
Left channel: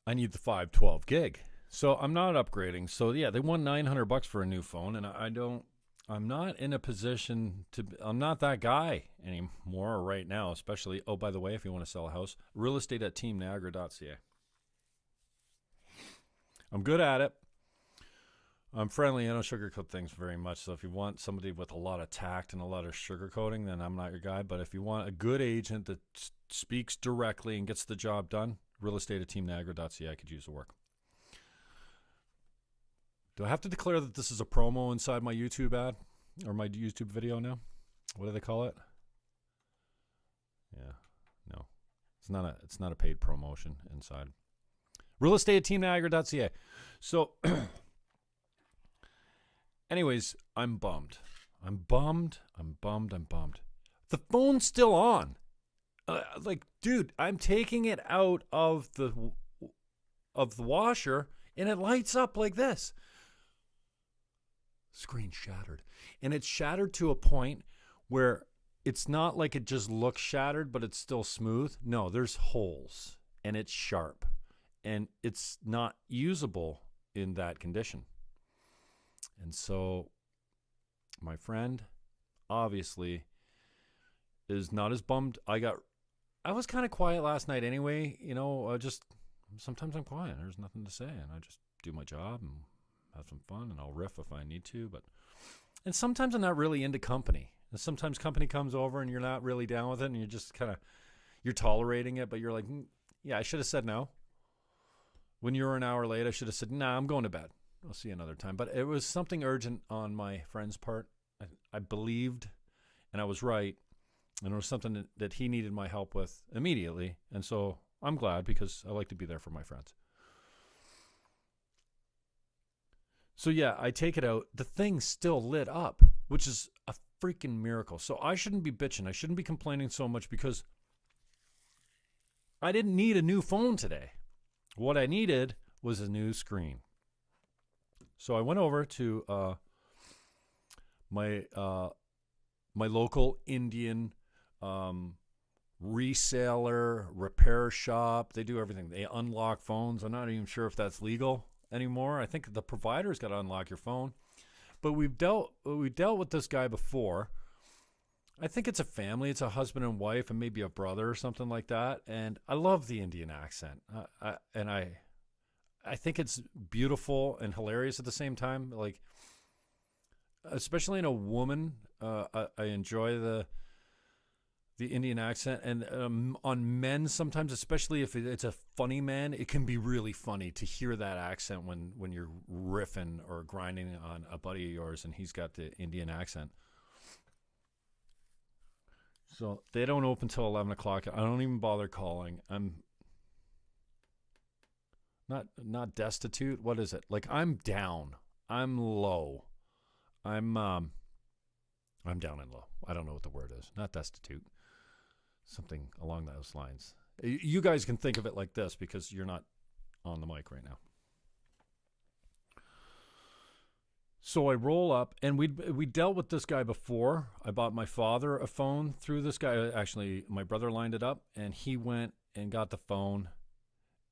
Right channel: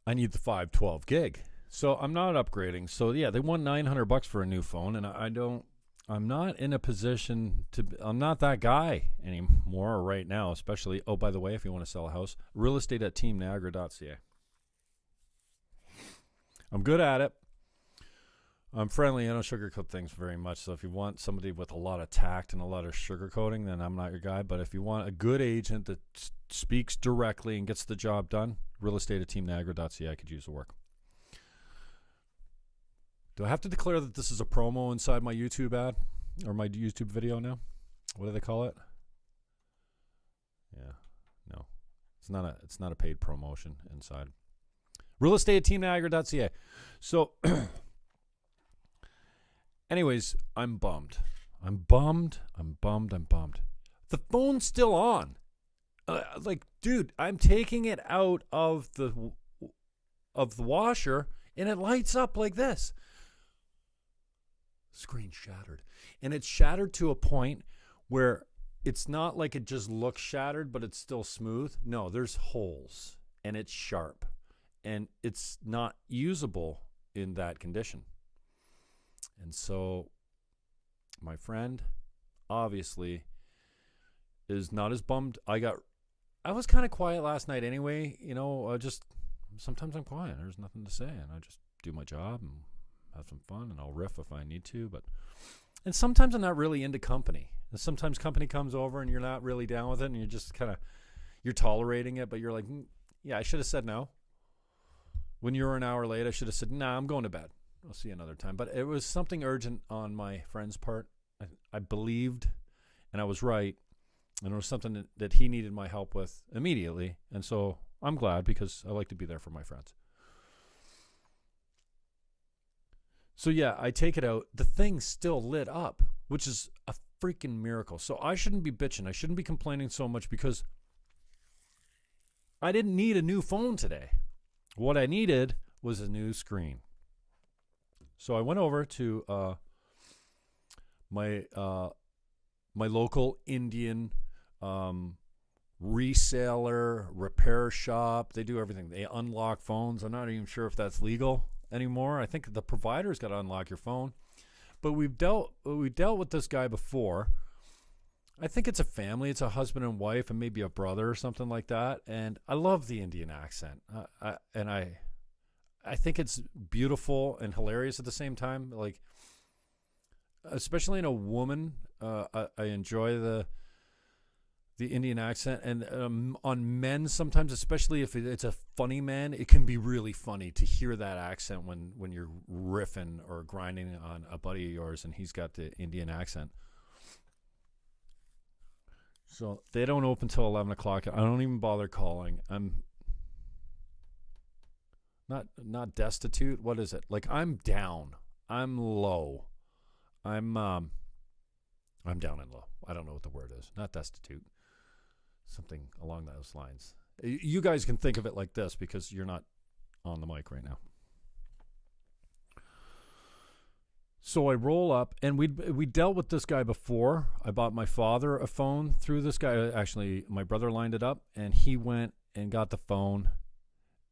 I need the 512 gig. So I'm not upgrading. So yeah, they won $900 for a new phone, and I'm not in a position I'm not that guy anymore right now, especially, oh, by the way, if you want to sell a house, realestate@teamniagara.ca. I'm good at it. I'm friendly. I don't sugarcoat things very much. So if you want somebody with a lot of tact and a lot of sugarcoating, then I'm not your guy. But if you want a good agent that speaks directly and gets the job done, realestate@teamniagara.ca. I could use the work. Do I have to declare that this is a promo inside my YouTube ad or my YouTube video now? What do they call it? Yeah, no, it's not a paid promotion inside. realestate@teamniagara.ca. So, anyways, I'm bummed. The phone's still on. Dude, I'm taking it out of the washer, and it lights up like this. Screen shattered. And it's shattered to a point where it's not like it just looks shattered, but it's still smooth. No, there's holes, and it's sharp, and it's not usable in that condition. And so my friend obviously is not as bummed. I was kind of quiet last night anyway. Sometimes I'm quiet. There's nothing to say, and I just do my job and have some fun, and I'll riff if I need to. And sometimes I'm not really into company. And sometimes company comes over and you're not really down with it, and you're just you're tolerating it, but you're like, yeah, I should have said no. When you were an hour late, I should have said, nah, I'm going to bed. I'll see you another time. But it was something urgent on my friend's part. I believed, and I was right. And it was something that he needed my help with immediately. And so I'm glad, because I like to be there for my friends. So yeah, I take it out. The thing's still lit up, which is a freaking miracle. So I shouldn't be bitching. I shouldn't be complaining so much, because I didn't need a new phone today. What I needed was a new screen. So I went over to my local Indian reseller, repair shop. They do everything. They unlock phones. I'm not even sure if that's legal anymore. I think the provider's got to unlock your phone. But we dealt with this guy before. I think it's a family. It's a husband and wife, and maybe a brother or something like that. And I love the Indian accent. I think it's beautiful and hilarious at the same time. Like, especially in a woman, I enjoy the Indian accent. And on men, sometimes, especially if it's a funny man, it can be really funny to hear that accent when you're riffing or grinding on a buddy of yours and he's got the Indian accent. So they don't open till 11 o'clock. I don't even bother calling. I'm not destitute. What is it? Like, I'm down. I'm low. I'm down and low. I don't know what the word is. Not destitute. Something along those lines. You guys can think of it like this, because you're not on the mic right now. So I roll up, and we dealt with this guy before. I bought my father a phone through this guy. Actually, my brother lined it up, and he went and got the phone,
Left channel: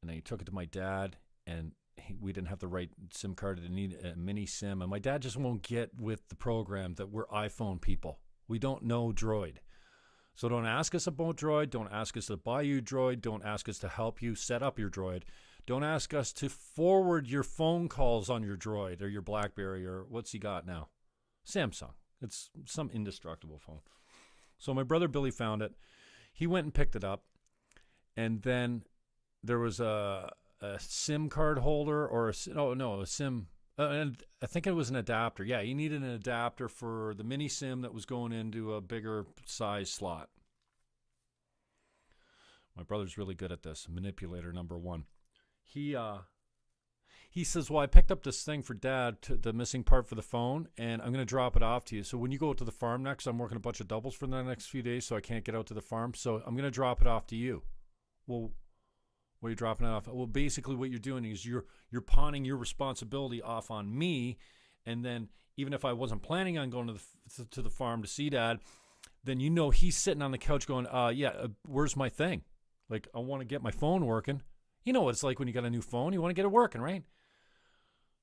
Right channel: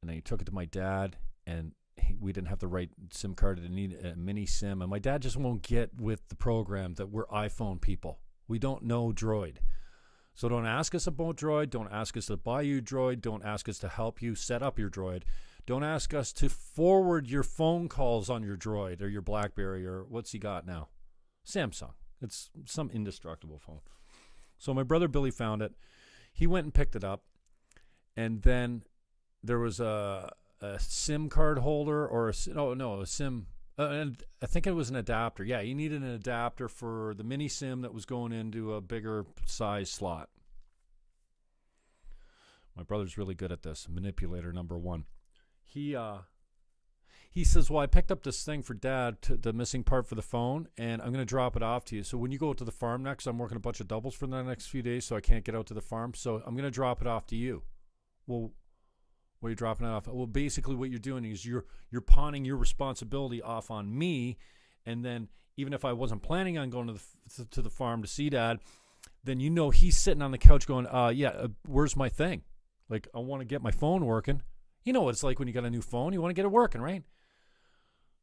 and then he took it to my dad, and we didn't have the right SIM card. It needed a mini SIM, and my dad just won't get with the program that we're iPhone people. We don't know Droid. So don't ask us about Droid. Don't ask us to buy you Droid. Don't ask us to help you set up your Droid. Don't ask us to forward your phone calls on your Droid or your BlackBerry, or what's he got now? Samsung. It's some indestructible phone. So my brother Billy found it. He went and picked it up. And then there was a SIM card holder, or a SIM. And I think it was an adapter. Yeah, he needed an adapter for the mini SIM that was going into a bigger size slot. My brother's really good at this. Manipulator number one. He says, well, I picked up this thing for Dad, the missing part for the phone, and I'm going to drop it off to you. So when you go to the farm next, I'm working a bunch of doubles for the next few days, so I can't get out to the farm. So I'm going to drop it off to you. Well, what are you dropping it off? Well, basically what you're doing is you're pawning your responsibility off on me, and then even if I wasn't planning on going to the farm to see Dad, then he's sitting on the couch going, where's my thing? Like, I want to get my phone working. You know what it's like when you got a new phone. You want to get it working, right?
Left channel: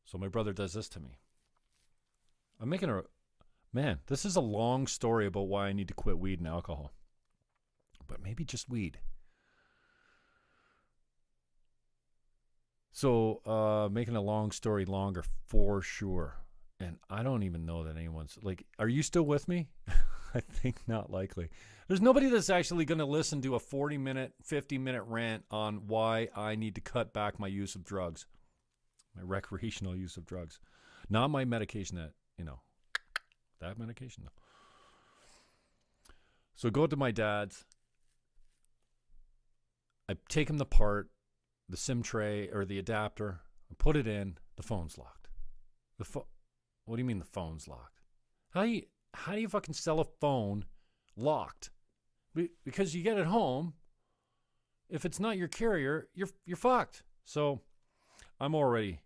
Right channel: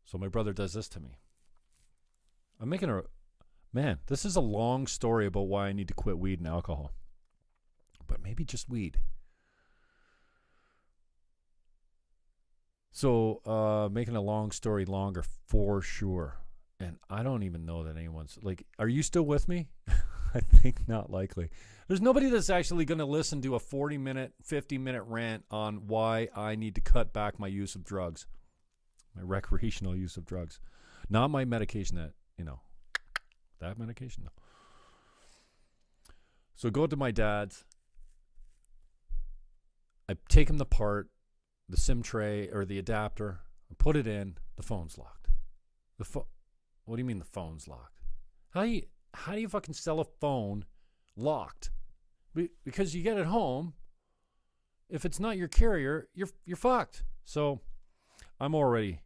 So my brother does this to me. Man, this is a long story about why I need to quit weed and alcohol. But maybe just weed. So, making a long story longer for sure. And I don't even know that anyone's, like, are you still with me? I think not likely. There's nobody that's actually going to listen to a 40-minute, 50-minute rant on why I need to cut back my use of drugs, my recreational use of drugs. Not my medication that medication. No. So go to my dad's. I take him apart, the SIM tray or the adapter, I put it in, the phone's locked. What do you mean the phone's locked? How do you fucking sell a phone locked? Because you get it home, if it's not your carrier, you're fucked. So I'm already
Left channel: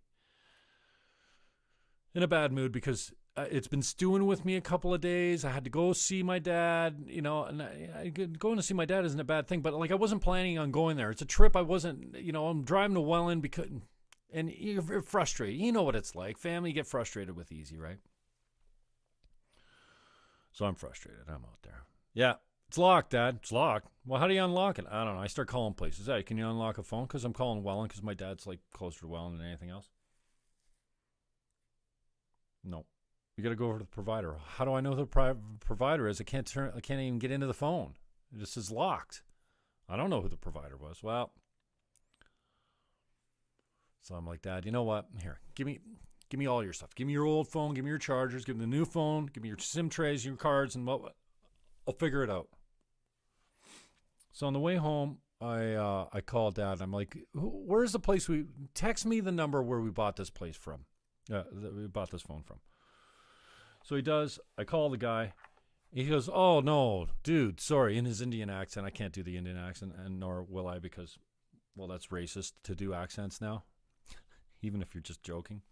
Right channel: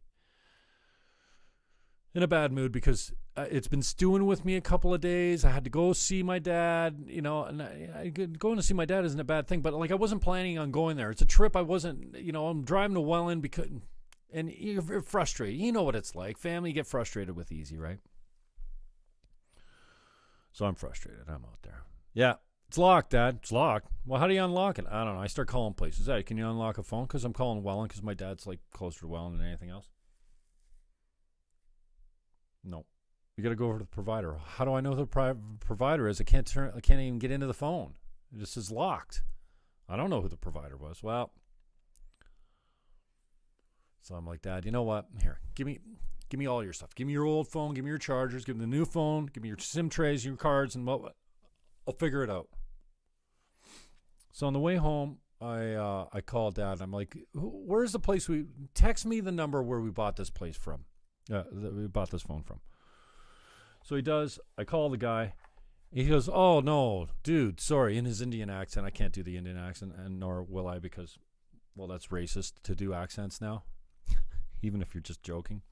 in a bad mood because it's been stewing with me a couple of days. I had to go see my dad, and going to see my dad isn't a bad thing, but like I wasn't planning on going there. It's a trip I wasn't, I'm driving to Welland and you're frustrated. You know what it's like. Family get frustrated with easy, right? So I'm frustrated. I'm out there. Yeah, it's locked, Dad. It's locked. Well, how do you unlock it? I don't know. I start calling places. Hey, can you unlock a phone? Because I'm calling Welland because my dad's like closer to Welland than anything else. No. You got to go over to the provider. How do I know who the provider is? I can't even get into the phone. It just is locked. I don't know who the provider was. Well, so I'm like, Dad, you know what? Here, give me all your stuff. Give me your old phone. Give me your chargers. Give me the new phone. Give me your SIM trays, your cards, and what? I'll figure it out. So on the way home, I called Dad. I'm like, where's the place text me the number where we bought this place from. That we bought this phone from. So he does. I call the guy. He goes, oh, no, dude, sorry. In his Indian accent. I can't do the Indian accent, and nor will I because, well, that's racist to do accents now. Even if you're just joking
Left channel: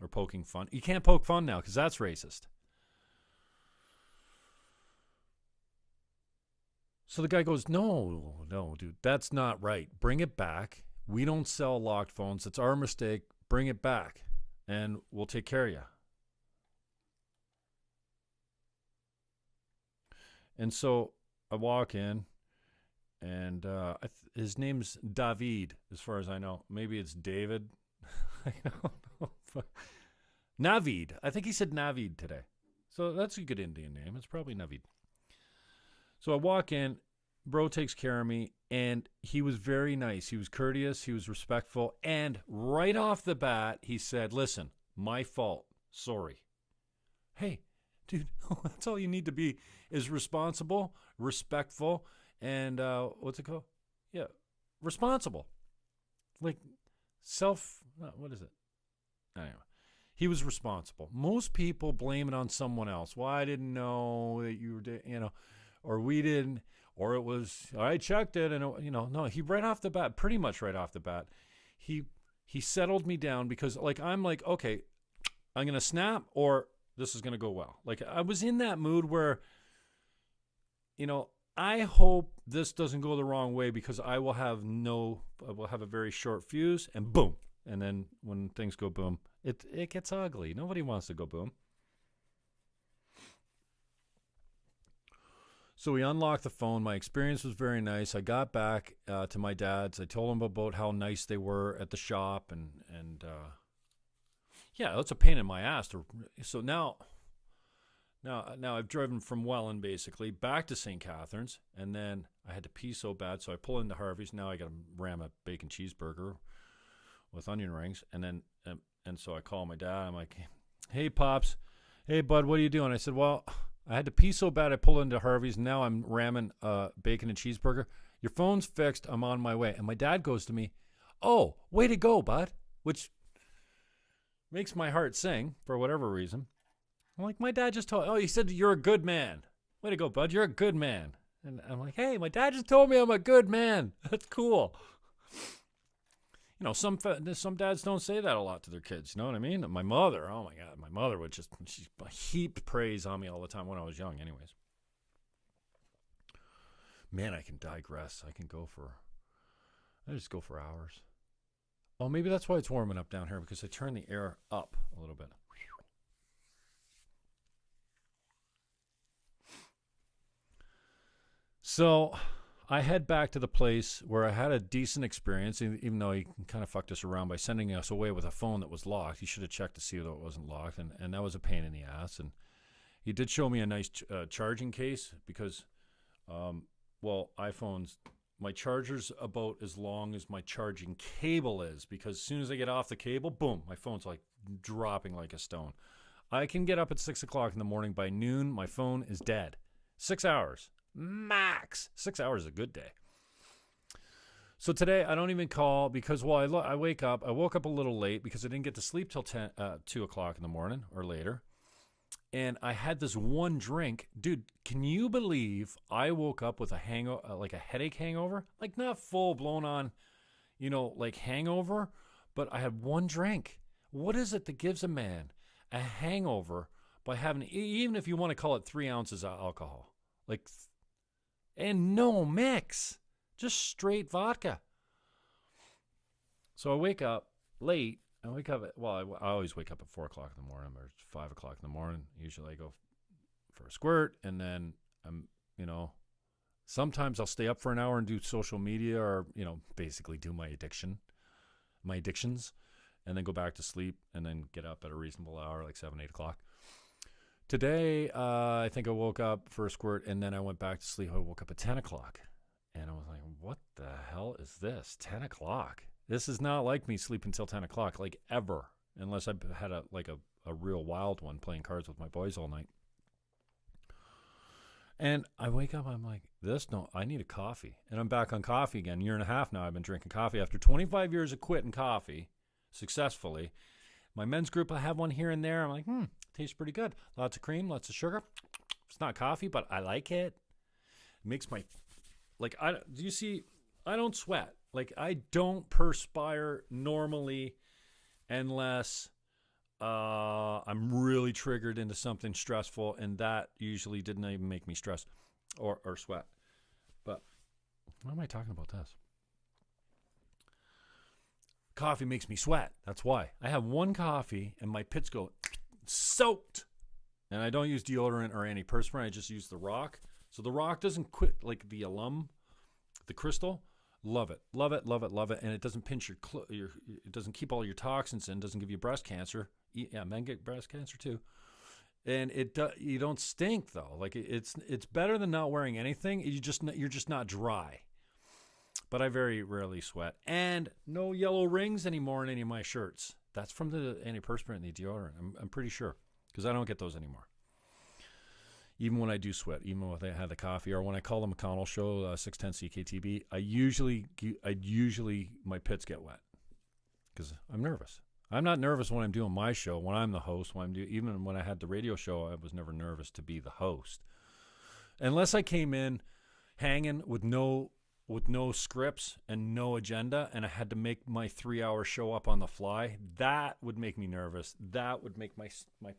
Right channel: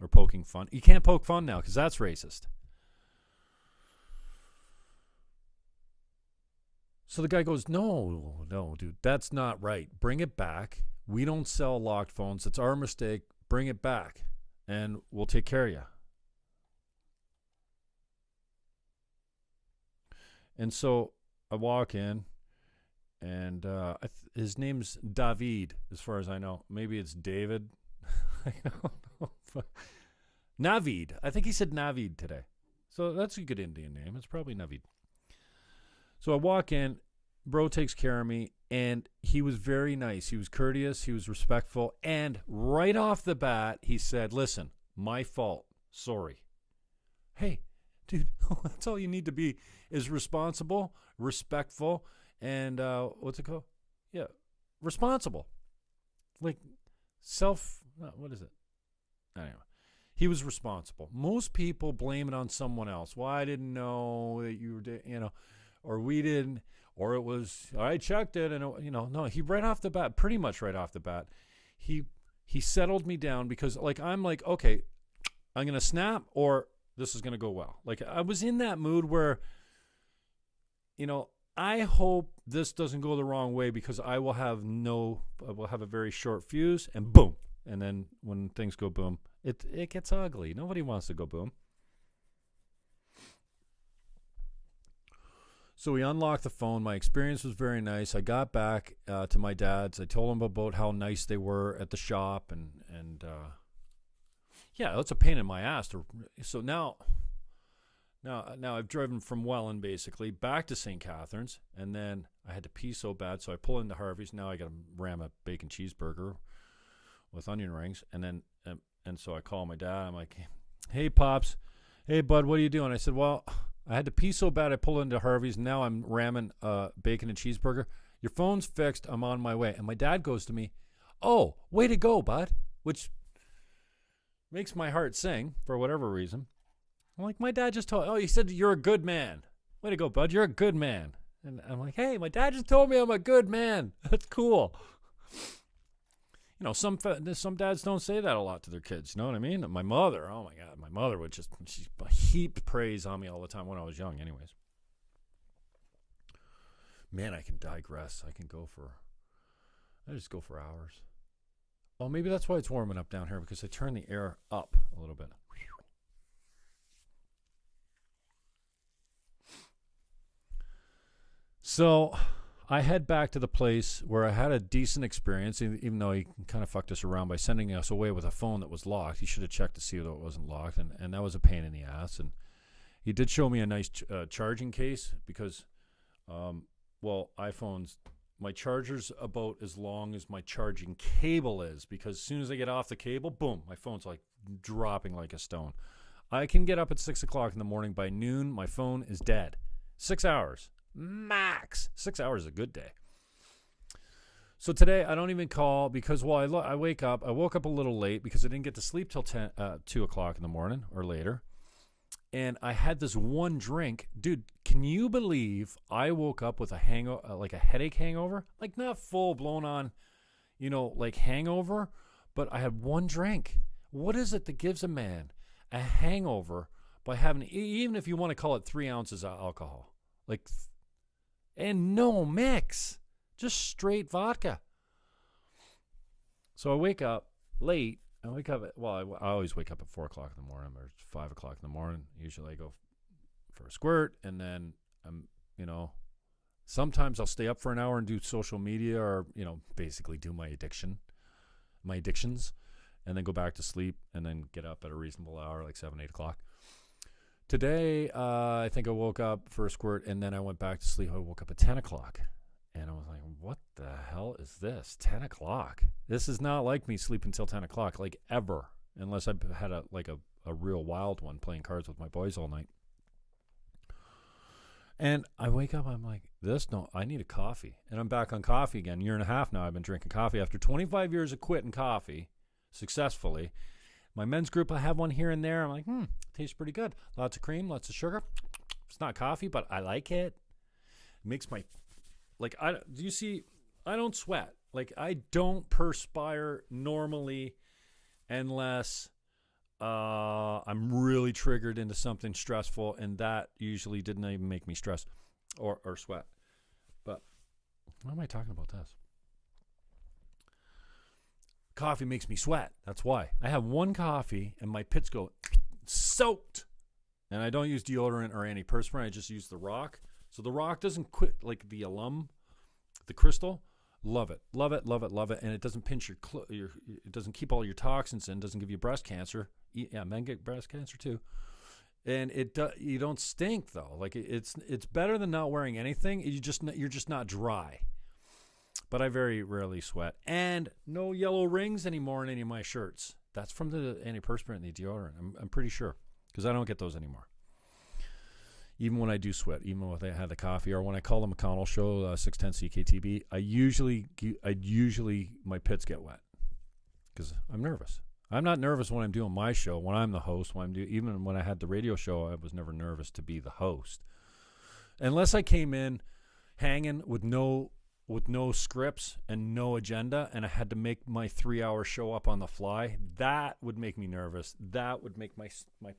or poking fun. You can't poke fun now because that's racist. So the guy goes, no, dude, that's not right. Bring it back. We don't sell locked phones. It's our mistake. Bring it back, and we'll take care of you. And so I walk in, and his name's David, as far as I know. Maybe it's David. I don't know. Navid. I think he said Navid today. So that's a good Indian name. It's probably Navid. So I walk in. Bro takes care of me, and he was very nice. He was courteous. He was respectful. And right off the bat, he said, listen, my fault. Sorry. Hey, dude, that's all you need to be is responsible, respectful, and what's it called? Yeah, responsible. Like what is it? Anyway, he was responsible. Most people blame it on someone else. Well, I didn't know that you were, or we didn't, or it was, I checked it, and, no, he pretty much right off the bat, he settled me down because, I'm like, okay, I'm going to snap or this is going to go well. Like, I was in that mood where, I hope this doesn't go the wrong way because I will have a very short fuse and boom. And then when things go boom, it gets ugly. Nobody wants to go boom. So we unlocked the phone. My experience was very nice. I got back to my dad's. I told him about how nice they were at the shop. And yeah, that's a pain in my ass. So now I've driven from Welland, basically, back to St. Catharines. And then I had to pee so bad, so I pull into Harvey's. Now I got to ram a bacon cheeseburger with onion rings. And then and so I call my dad. I'm like, hey, Pops. Hey, bud, what are you doing? I said, well, I had to pee so bad I pulled into Harvey's. Now I'm ramming bacon and cheeseburger. Your phone's fixed. I'm on my way. And my dad goes to me, oh, way to go, bud, which makes my heart sing for whatever reason. I'm like, my dad just he said you're a good man. Way to go, bud. You're a good man. And I'm like, hey, my dad just told me I'm a good man. That's cool. some dads don't say that a lot to their kids. You know what I mean? My mother, oh my God, my mother would she heaped praise on me all the time when I was young anyways. Man, I can digress. I just go for hours. Oh, maybe that's why it's warming up down here, because I turn the air up a little bit. So I head back to the place where I had a decent experience, even though he kind of fucked us around by sending us away with a phone that was locked. He should have checked to see that it wasn't locked, and that was a pain in the ass. And he did show me a nice charging case because, iPhones, my charger's about as long as my charging cable is, because as soon as I get off the cable, boom, my phone's like dropping like a stone. I can get up at 6 o'clock in the morning. By noon, my phone is dead. 6 hours. Max. 6 hours is a good day. So today I don't even call because I wake up. I woke up a little late because I didn't get to sleep till 2 o'clock in the morning or later. And I had this one drink. Dude, can you believe I woke up with a like a headache hangover? Like not full blown on, like hangover, but I had one drink. What is it that gives a man a hangover by having, even if you want to call it 3 ounces of alcohol? And no mix, just straight vodka. So I wake up late. I always wake up at 4 o'clock in the morning or 5 o'clock in the morning. Usually I go for a squirt, and then sometimes I'll stay up for an hour and do social media or, basically do my addictions, and then go back to sleep and then get up at a reasonable hour, like 7, 8 o'clock. Today, I think I woke up for a squirt, and then I went back to sleep. I woke up at 10 o'clock, and I was like, what the hell is this? 10 o'clock? This is not like me sleeping till 10 o'clock, like ever, unless I had a real wild one playing cards with my boys all night. And I wake up, I'm like, I need a coffee. And I'm back on coffee again. 1.5 years now I've been drinking coffee. After 25 years of quitting coffee successfully, my men's group, I have one here and there. I'm like, tastes pretty good. Lots of cream, lots of sugar. It's not coffee, but I like it. It makes my, I don't sweat. Like, I don't perspire normally unless I'm really triggered into something stressful, and that usually didn't even make me stress or sweat. But why am I talking about this? Coffee makes me sweat. That's why. I have one coffee and my pits go soaked. And I don't use deodorant or antiperspirant. I just use the Rock. So the Rock doesn't quit like the the crystal. Love it. Love it, love it, love it. And it doesn't pinch it doesn't keep all your toxins in, doesn't give you breast cancer. Yeah, men get breast cancer too. And you don't stink though. Like it's better than not wearing anything. You're just not dry. But I very rarely sweat. And no yellow rings anymore in any of my shirts. That's from the antiperspirant and the deodorant. I'm pretty sure. Because I don't get those anymore. Even when I do sweat. Even when I have the coffee. Or when I call the McConnell Show, 610 CKTB. I usually, my pits get wet. Because I'm nervous. I'm not nervous when I'm doing my show. When I'm the host. Even when I had the radio show, I was never nervous to be the host. Unless I came in hanging with no scripts and no agenda, and I had to make my 3-hour show up on the fly, that would make me nervous. That would make my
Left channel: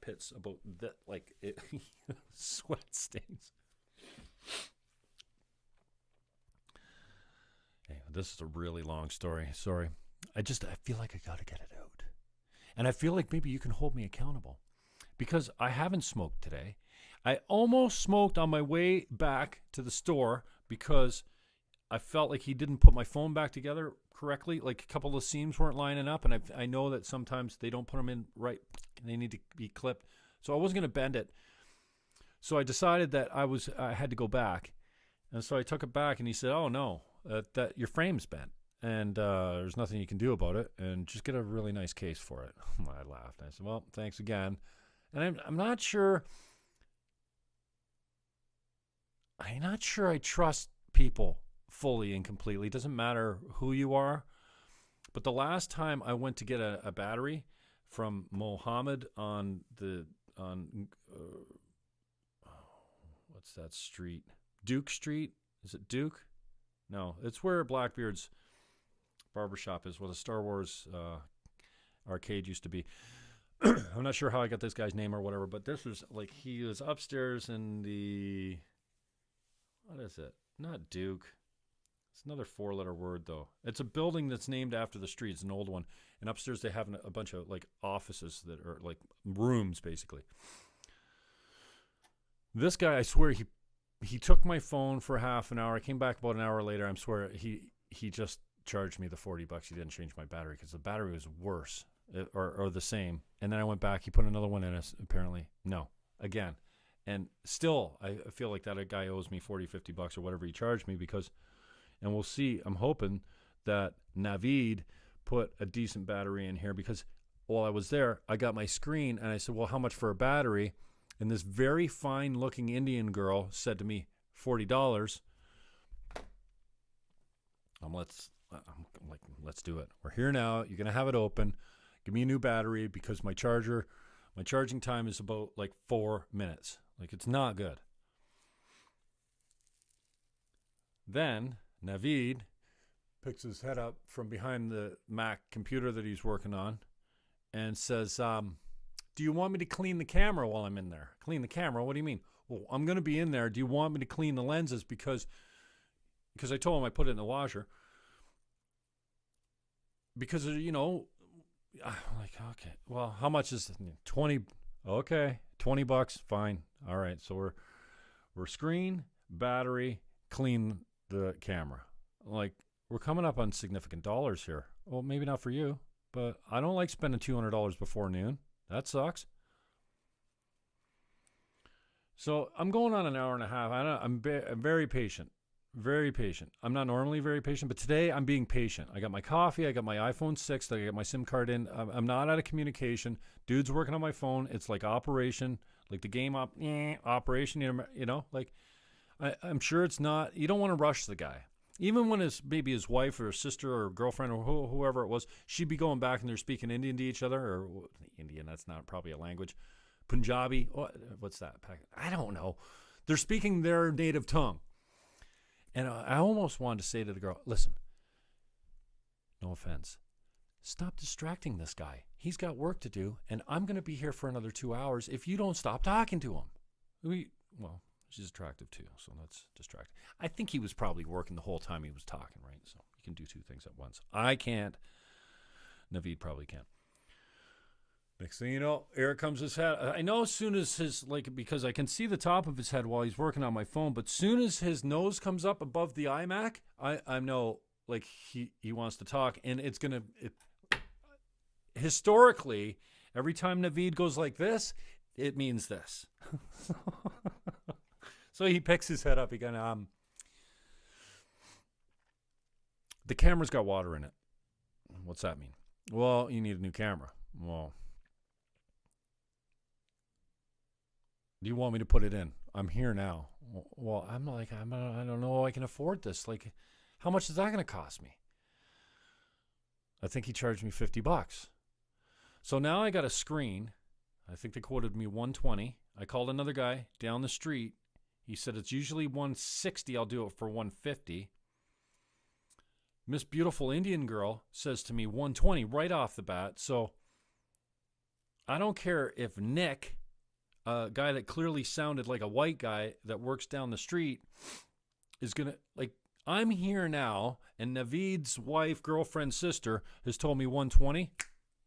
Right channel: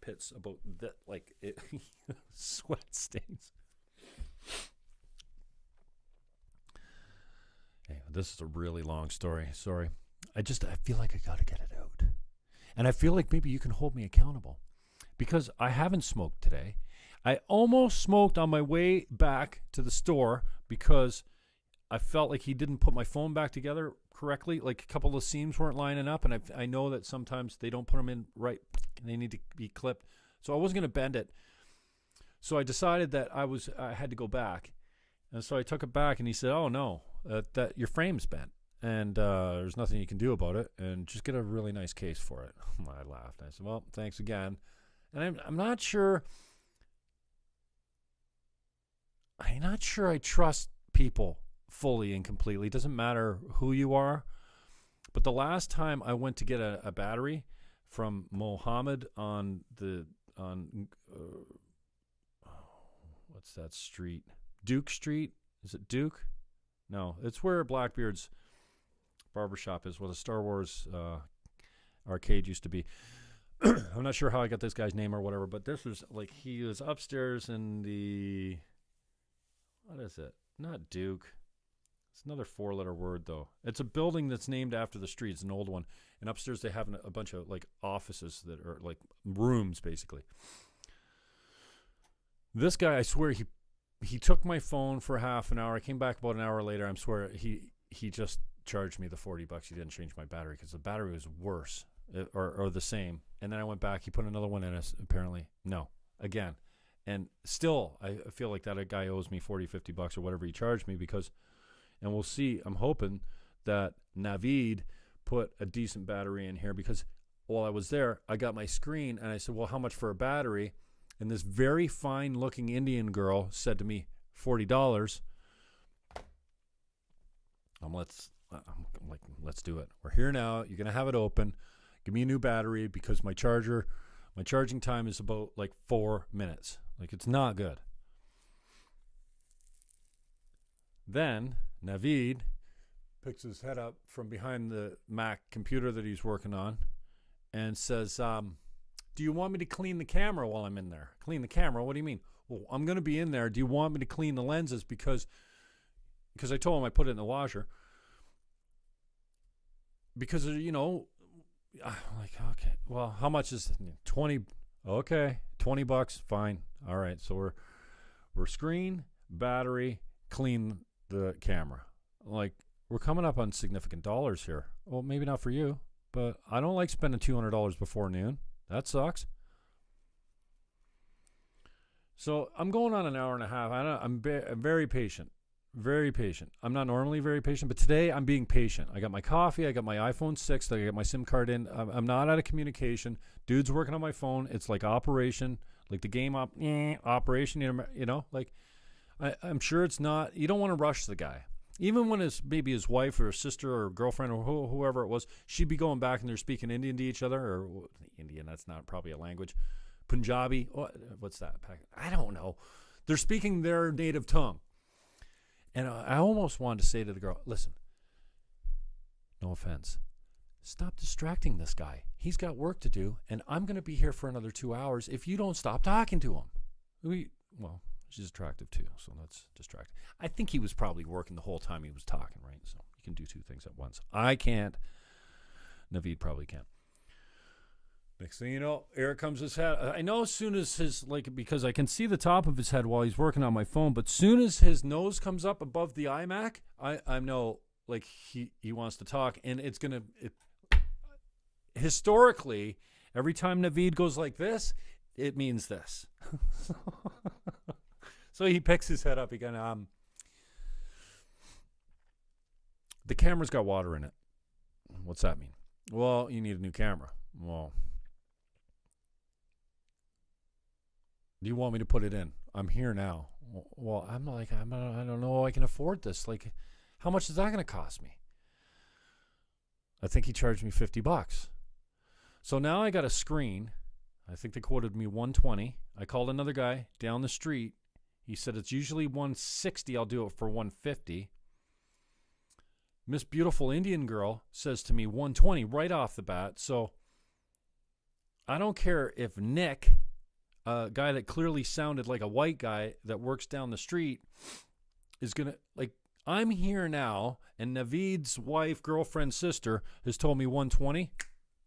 pits about that, like it sweat stains. Hey, this is a really long story. Sorry. I feel like I gotta get it out. And I feel like maybe you can hold me accountable. Because I haven't smoked today. I almost smoked on my way back to the store because I felt like he didn't put my phone back together correctly. Like a couple of seams weren't lining up, and I know that sometimes they don't put them in right. They need to be clipped. So I wasn't going to bend it. So I decided that I had to go back. And so I took it back, and he said, oh, no, that your frame's bent, and there's nothing you can do about it, and just get a really nice case for it. I laughed. I said, well, thanks again. And I'm not sure. I'm not sure I trust people fully and completely. It doesn't matter who you are. But the last time I went to get a battery from Mohammed on what's that street? Duke Street? Is it Duke? No, it's where Blackbeard's barbershop is, what a Star Wars arcade used to be. I'm not sure how I got this guy's name or whatever, but this was like, he was upstairs in the, what is it? Not Duke. It's another 4-letter word, though. It's a building that's named after the street. It's an old one. And upstairs they have a bunch of like offices that are like rooms, basically. This guy, I swear, he took my phone for half an hour. I came back about an hour later. I swear he just charged me the $40. He didn't change my battery because the battery was worse or the same. And then I went back. He put another one in it, apparently. No, again. And still, I feel like that guy owes me $40, $50 or whatever he charged me because, and we'll see, I'm hoping that Navid put a decent battery in here because while I was there, I got my screen and I said, well, how much for a battery? And this very fine-looking Indian girl said to me, $40. I'm like, let's do it. We're here now. You're going to have it open. Give me a new battery because my charging time is about like 4 minutes. Like, it's not good. Then Navid picks his head up from behind the Mac computer that he's working on and says, do you want me to clean the camera while I'm in there? Clean the camera? What do you mean? Well, I'm going to be in there. Do you want me to clean the lenses? Because I told him I put it in the washer. Because, you know, I'm like, okay, well, how much is it? 20? Okay, $20, fine. All right, so we're screen, battery, clean the camera. Like, we're coming up on significant dollars here. Well, maybe not for you, but I don't like spending $200 before noon. That sucks. So I'm going on an hour and a half. I'm very patient. Very patient. I'm not normally very patient, but today I'm being patient. I got my coffee. I got my iPhone 6. I got my SIM card in. I'm not out of communication. Dude's working on my phone. It's like Operation, like the game Operation, you know, like I'm sure it's not. You don't want to rush the guy. Even when it's maybe his wife or his sister or girlfriend or whoever it was, she'd be going back and they're speaking Indian to each other, or Indian, that's not probably a language. Punjabi, what's that? I don't know. They're speaking their native tongue. And I almost wanted to say to the girl, listen, no offense, stop distracting this guy. He's got work to do, and I'm going to be here for another 2 hours if you don't stop talking to him. Well, she's attractive too, so that's distracting. I think he was probably working the whole time he was talking, right? So you can do two things at once. I can't. Navid probably can't. Next thing you know, here comes his head. I know as soon as because I can see the top of his head while he's working on my phone, but soon as his nose comes up above the iMac, I know, like, he wants to talk, and it's going to, historically, every time Navid goes like this, it means this. So he picks his head up. He goes, the camera's got water in it. What's that mean? Well, you need a new camera. Well, do you want me to put it in? I'm here now. Well, I don't know. I can afford this. Like, how much is that going to cost me? I think he charged me $50. So now I got a screen. I think they quoted me $120. I called another guy down the street. He said it's usually $160. I'll do it for $150. Miss Beautiful Indian Girl says to me $120 right off the bat. So I don't care if Nick, a guy that clearly sounded like a white guy that works down the street, is going to, like, I'm here now, and Navid's wife, girlfriend, sister has told me $120.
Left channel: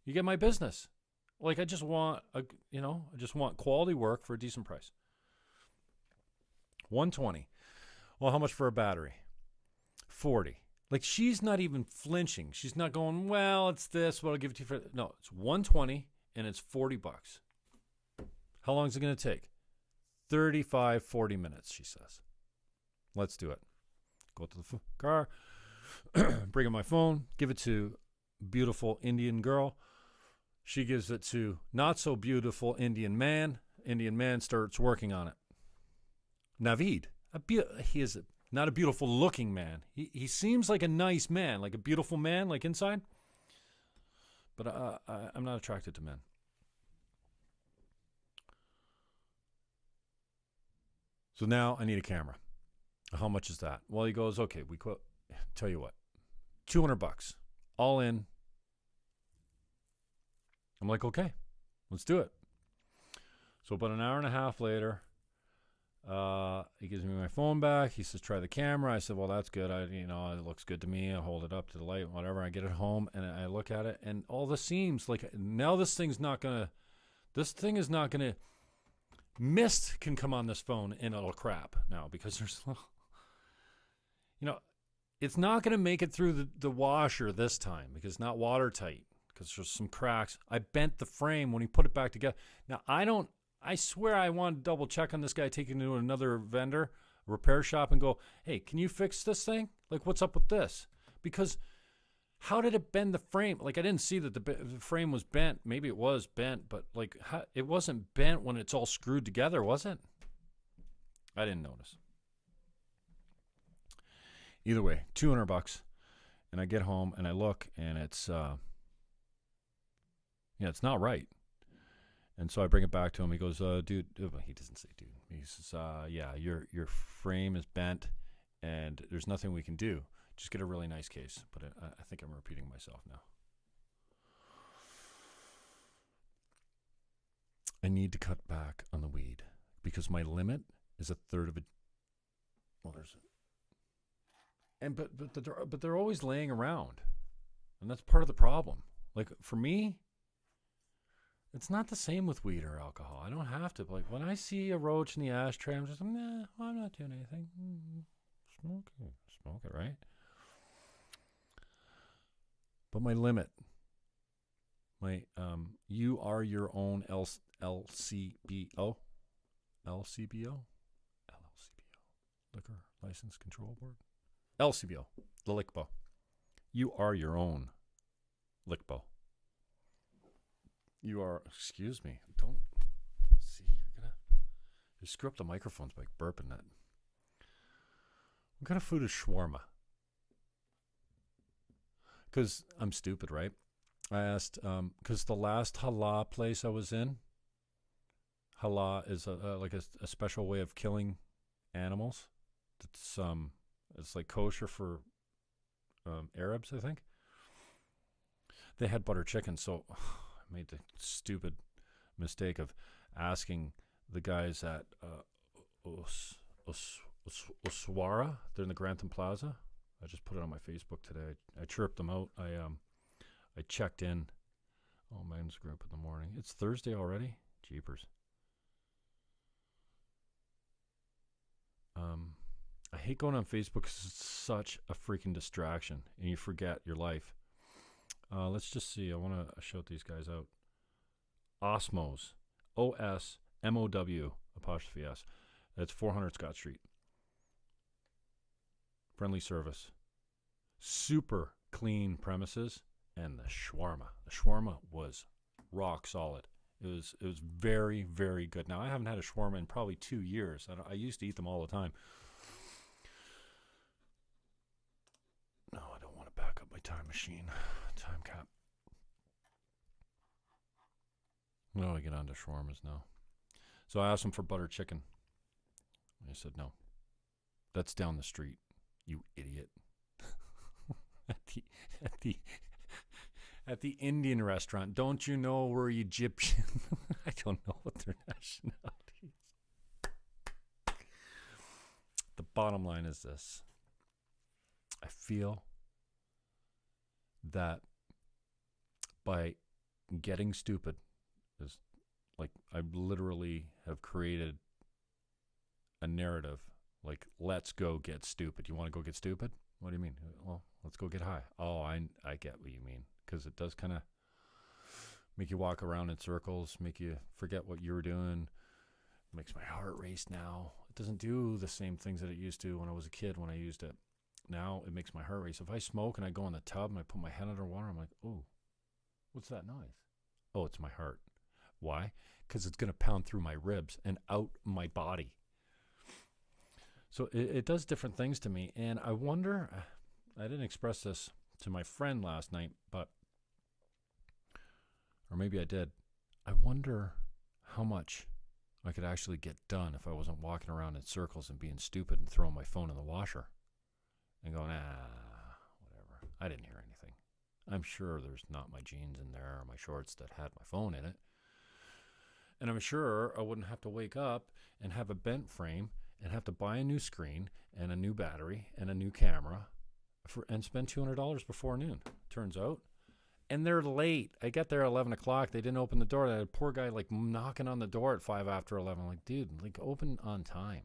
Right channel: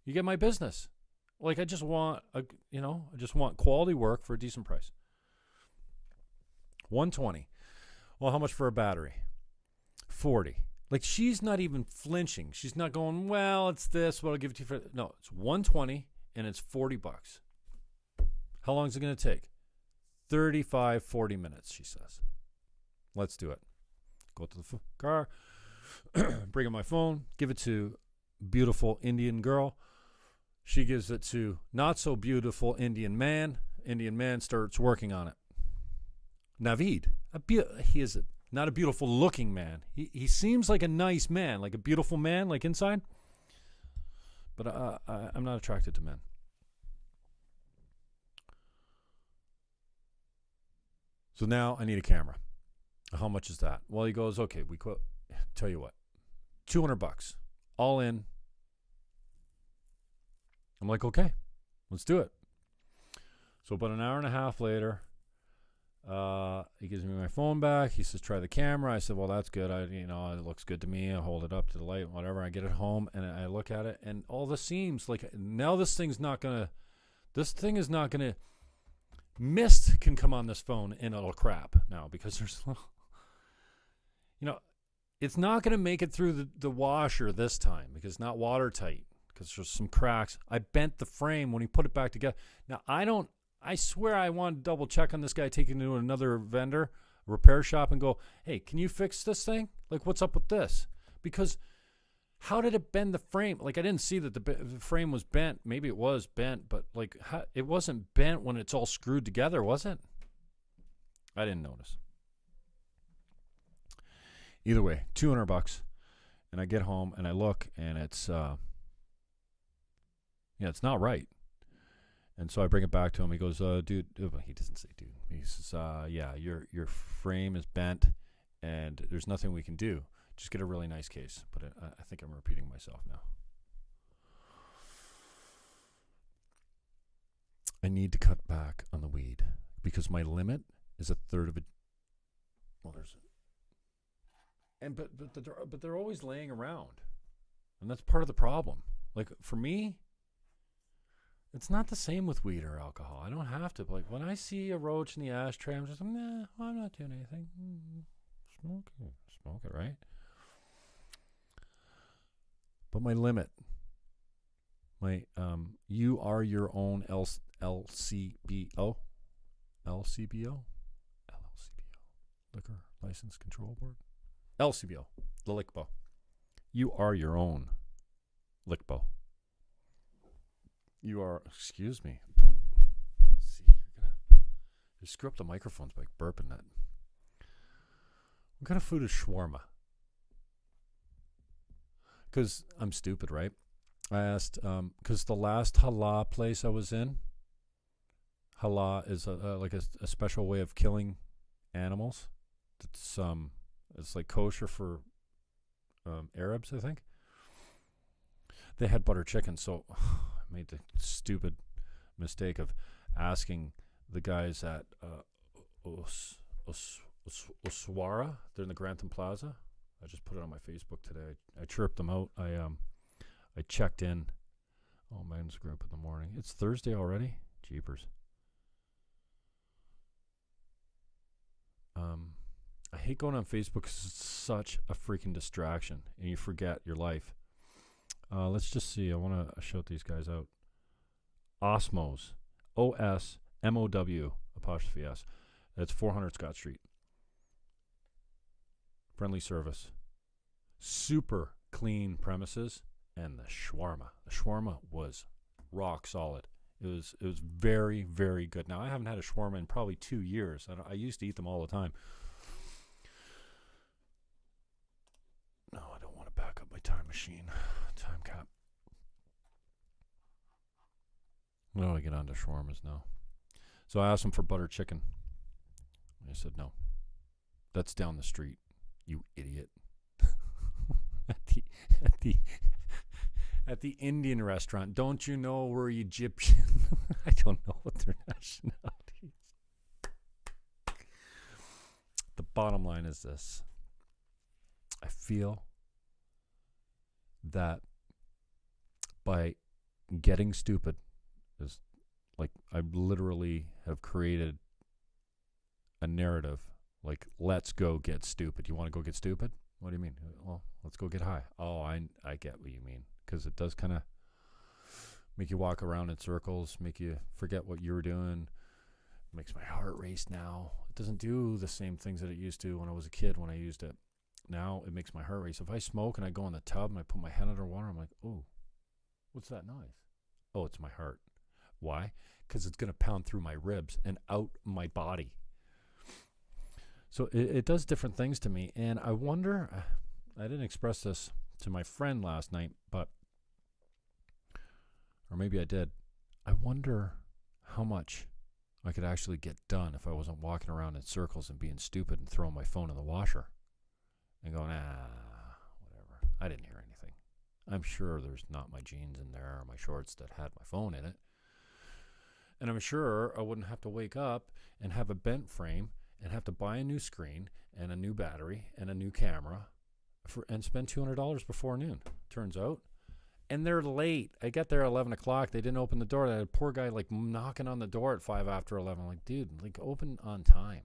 You get my business. Like, I just want quality work for a decent price. $120. Well, how much for a battery? $40. Like, she's not even flinching. She's not going, well, it's this, what I'll give it to you for. No, it's $120 and it's $40. How long is it going to take? 35, 40 minutes, she says. Let's do it. Go to the car, bring in my phone, give it to beautiful Indian girl. She gives it to not so beautiful Indian man. Indian man starts working on it. Navid, he is not a beautiful looking man. He seems like a nice man, like a beautiful man, like inside. But I'm not attracted to men. So now I need a camera. How much is that? Well, he goes, okay, tell you what, $200. all in. I'm like, okay, let's do it. So about an hour and a half later, he gives me my phone back. He says, try the camera. I said, well, that's good. It looks good to me. I hold it up to the light, whatever. I get it home and I look at it, and all the seams, like, now this thing is not going to, mist can come on this phone and it'll crap now because there's, it's not going to make it through the washer this time because it's not watertight because there's some cracks. I bent the frame when he put it back together. Now, I swear I want to double check on this guy, taking it to another vendor, repair shop, and go, hey, can you fix this thing? Like, what's up with this? Because how did it bend the frame? Like, I didn't see that the frame was bent. Maybe it was bent, but like, it wasn't bent when it's all screwed together, was it? I didn't notice. Either way, $200, and I get home and I look, and it's it's not right. And so I bring it back to him. He goes, dude, he doesn't say dude. He says, your frame is bent and there's nothing we can do. Just get a really nice case. But I think I'm repeating myself now. I need to cut back on the weed because my limit is a third of it. Well, there's it. And but they're always laying around. And that's part of the problem. Like, for me, it's not the same with weed or alcohol. I don't have to. Like, when I see a roach in the ashtray, I'm just, nah, I'm not doing anything. Smoke it, right? But my limit, you are your own LCBO, Liquor License Control Board, LCBO, the LICBO. You are your own LICBO. You are, excuse me, don't, see, you screw up the microphones by burping that. What kind of food is shawarma? Because I'm stupid, right? I asked, because the last halal place I was in, halal is a special way of killing animals. It's like kosher for Arabs, I think. They had butter chicken, so I made the stupid mistake of asking the guys at Oswara. They're in the Grantham Plaza. I just put it on my Facebook today. I chirped them out. I checked in. Oh, man's group in the morning. It's Thursday already? Jeepers. I hate going on Facebook because it's such a freaking distraction and you forget your life. Let's just see. I want to shout these guys out. Osmos. OSMOW apostrophe S. That's 400 Scott Street. Friendly service. Super clean premises. And the shawarma. The shawarma was rock solid. It was very, very good. Now, I haven't had a shawarma in probably 2 years. I used to eat them all the time. No, I don't want to back up my time machine. Time cap. Well, I get on to shawarmas now. So I asked him for butter chicken. And he said, no. That's down the street, you idiot. At the Indian restaurant. Don't you know we're Egyptian? I don't know what their nationality is. The bottom line is this. I feel that by getting stupid is like I literally have created a narrative like, let's go get stupid. You want to go get stupid? What do you mean? Well, let's go get high. Oh, I get what you mean. Because it does kind of make you walk around in circles, make you forget what you were doing. It makes my heart race now. It doesn't do the same things that it used to when I was a kid when I used it. Now it makes my heart race. If I smoke and I go in the tub and I put my head under water, I'm like, oh, what's that noise? Oh, it's my heart. Why? Because it's going to pound through my ribs and out my body. So it does different things to me. And I wonder, I didn't express this to my friend last night, but, or maybe I did. I wonder how much I could actually get done if I wasn't walking around in circles and being stupid and throwing my phone in the washer and going, whatever. I didn't hear anything. I'm sure there's not my jeans in there or my shorts that had my phone in it. And I'm sure I wouldn't have to wake up and have a bent frame and have to buy a new screen and a new battery and a new camera and spend $200 before noon, turns out. And they're late. I get there at 11 o'clock. They didn't open the door. That poor guy like knocking on the door at 5 after 11. I'm like, dude, like open on time.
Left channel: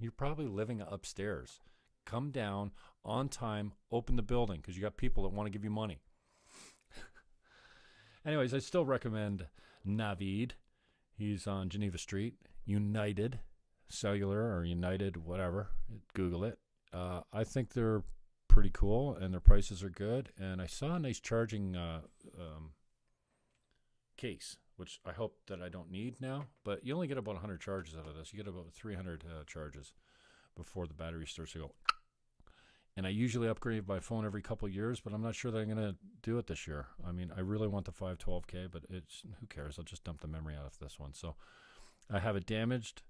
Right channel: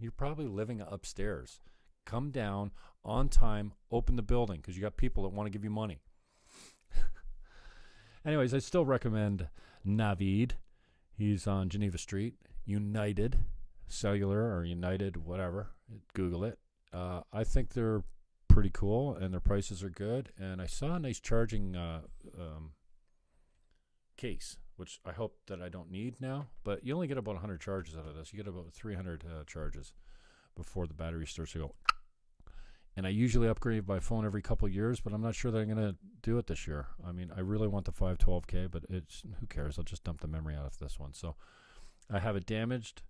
You're probably living upstairs. Come down on time, open the building, because you got people that want to give you money. Anyways, I still recommend Navid. He's on Geneva Street, United Cellular or United, whatever. Google it. I think they're pretty cool and their prices are good. And I saw a nice charging case, which I hope that I don't need now. But you only get about 100 charges out of this. You get about 300 charges before the battery starts to go. And I usually upgrade my phone every couple of years, but I'm not sure that I'm going to do it this year. I mean, I really want the 512K, but it's who cares? I'll just dump the memory out of this one. So I have a damaged,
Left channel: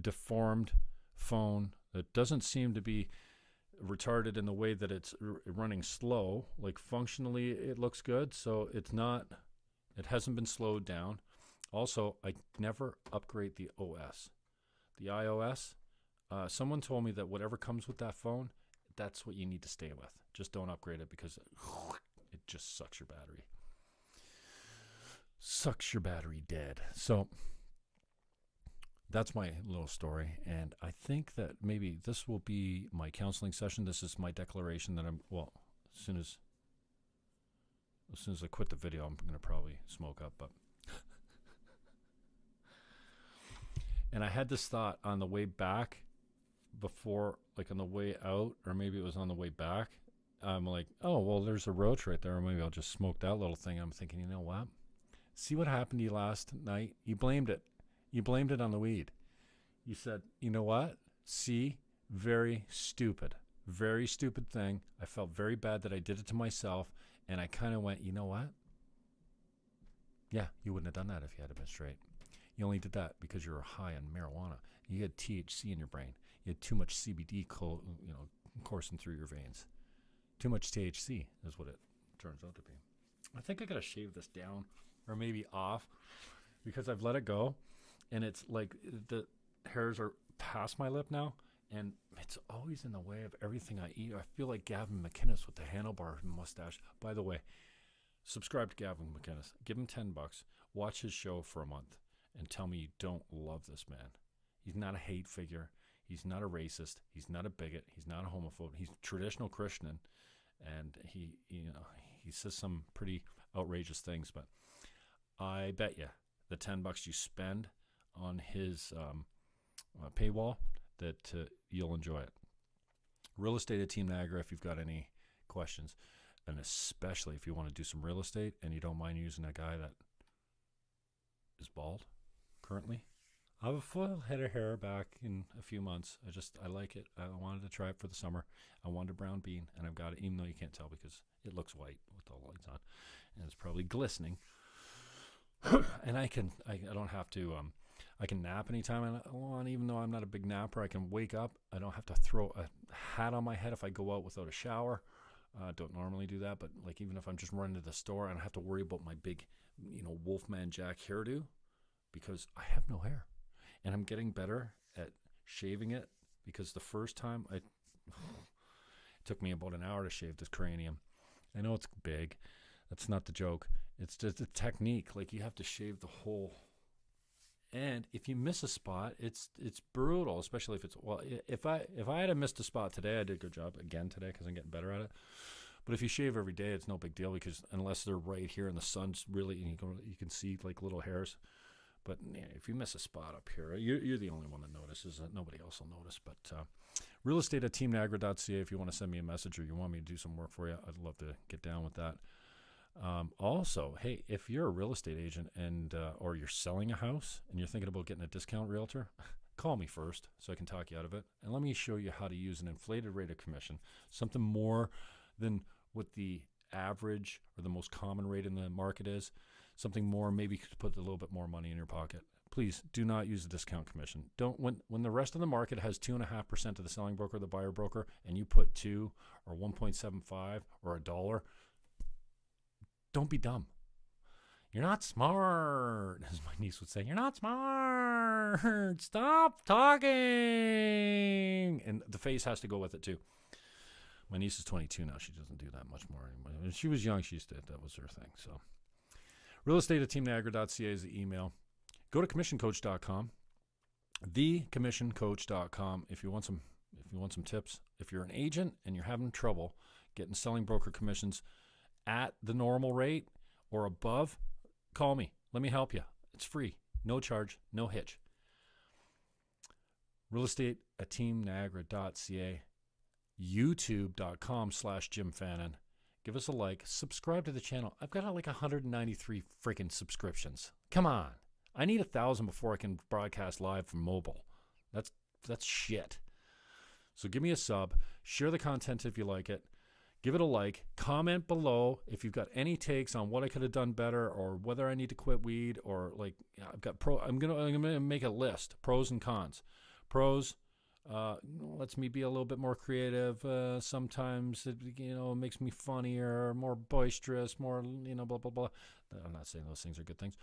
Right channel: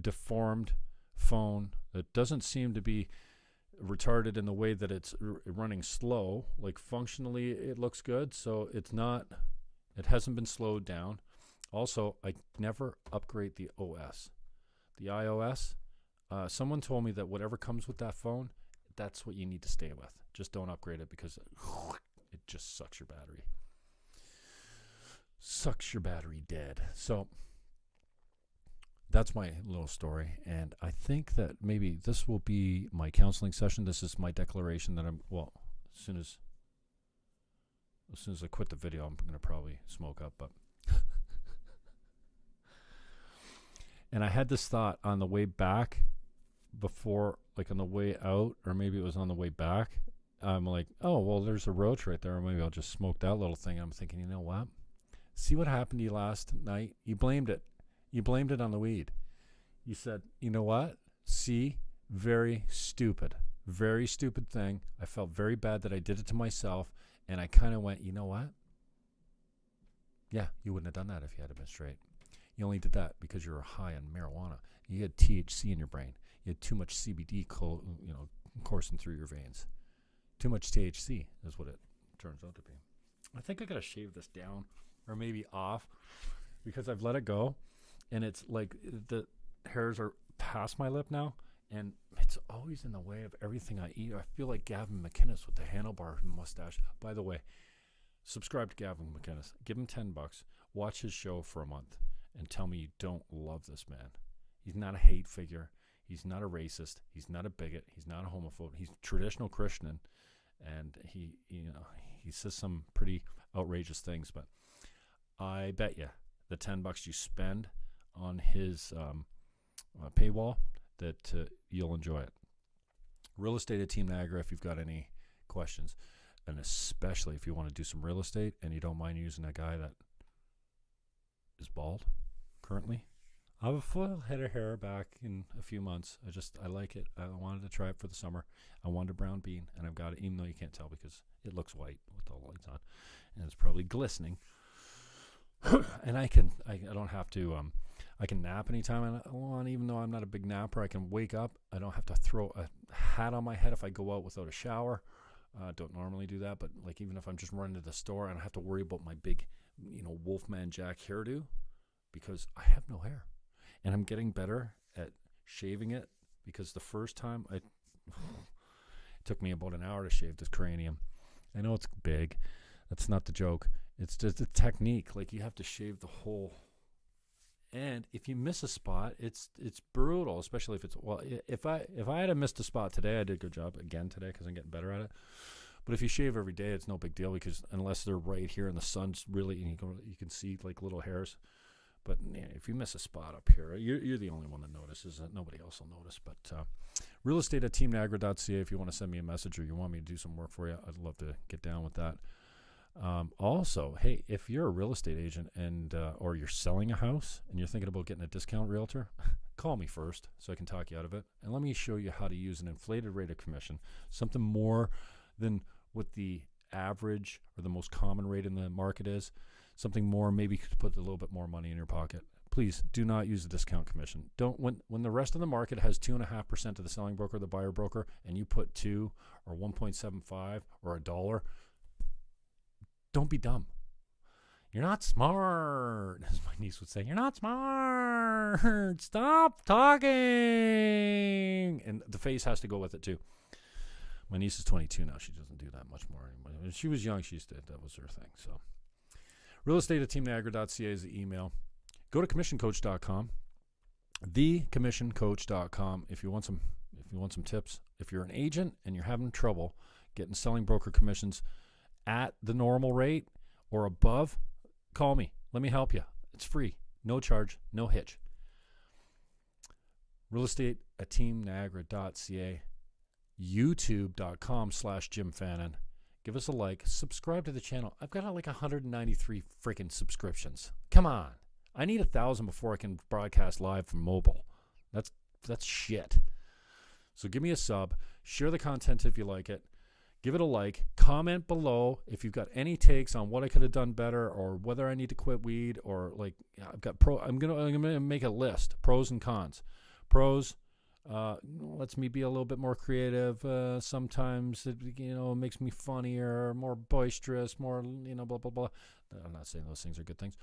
deformed phone that doesn't seem to be retarded in the way that it's running slow. Like functionally, it looks good, so it's not. It hasn't been slowed down. Also, I never upgrade the OS, the iOS. Someone told me that whatever comes with that phone, that's what you need to stay with. Just don't upgrade it because it just sucks your battery. Sucks your battery dead. So that's my little story. And I think that maybe this will be my counseling session. This is my declaration that as soon as I quit the video, I'm going to probably smoke up. But and I had this thought on the way back before, like on the way out, or maybe it was on the way back. I'm like, oh, well, there's a roach right there. Maybe I'll just smoke that little thing. I'm thinking, you know what? See what happened to you last night? You blamed it. You blamed it on the weed. You said, you know what? See, very stupid thing. I felt very bad that I did it to myself. And I kind of went, you know what? Yeah, you wouldn't have done that if you had been straight. You only did that because you were high on marijuana. You had THC in your brain. You had too much CBD coursing through your veins. Too much THC is what it turns out to be. I think I got to shave this down or maybe off because I've let it go. And it's like the hairs are past my lip now. And it's always in the way of everything I eat. I feel like Gavin McInnes with the handlebar mustache. By the way, subscribe to Gavin McInnes. Give him $10. Watch his show for a month and tell me you don't love this man. He's not a hate figure. He's not a racist. He's not a bigot. He's not a homophobe. He's a traditional Christian, and he says some pretty outrageous things. But I bet you the $10 you spend on his paywall that you'll enjoy it. Real estate at Team Niagara. If you've got any questions, and especially if you want to do some real estate and you don't mind using a guy that is bald currently. I have a full head of hair back in a few months. I like it. I wanted to try it for the summer. I wanted a brown bean, and I've got it, even though you can't tell because it looks white with all the lights on, and it's probably glistening. And I don't have to, I can nap anytime I want, even though I'm not a big napper. I can wake up. I don't have to throw a hat on my head if I go out without a shower. Don't normally do that, but like even if I'm just running to the store, I don't have to worry about my big, Wolfman Jack hairdo because I have no hair. And I'm getting better at shaving it because the first time it took me about an hour to shave this cranium. I know it's big. That's not the joke. It's just a technique. Like you have to shave the whole. And if you miss a spot, it's brutal, especially if it's, if I had missed a spot today, I did a good job again today because I'm getting better at it. But if you shave every day, it's no big deal because unless they're right here and the sun's really, you can see like little hairs. But yeah, if you miss a spot up here, you're the only one that notices. Nobody else will notice. But real estate at teamniagara.ca if you want to send me a message or you want me to do some work for you, I'd love to get down with that. Also, hey, if you're a real estate agent and or you're selling a house and you're thinking about getting a discount realtor, call me first so I can talk you out of it. And let me show you how to use an inflated rate of commission, something more than what the average or the most common rate in the market is. Something more, maybe to put a little bit more money in your pocket. Please do not use the discount commission. Don't when the rest of the market has 2.5% of the selling broker, the buyer broker, and you put 2 or 1.75 or $1, Don't be dumb. You're not smart, as my niece would say. You're not smart. Stop talking. And the face has to go with it, too. My niece is 22 now. She doesn't do that much more anymore. When she was young, she used to. That was her thing. So, realestate@teamniagara.ca is the email. Go to commissioncoach.com. thecommissioncoach.com if you want some tips. If you're an agent and you're having trouble getting selling broker commissions at the normal rate or above, call me. Let me help you. It's free. No charge. No hitch. realestate@teamniagara.ca. youtube.com/Jim Fannon. Give us a like. Subscribe to the channel. I've got like 193 freaking subscriptions. Come on. I need 1,000 before I can broadcast live from mobile. That's shit. So give me a sub. Share the content if you like it. Give it a like. Comment below if you've got any takes on what I could have done better or whether I need to quit weed or like I'm gonna make a list. Pros and cons. Pros lets me be a little bit more creative. Sometimes it makes me funnier, more boisterous, more blah blah blah. I'm not saying those things are good things.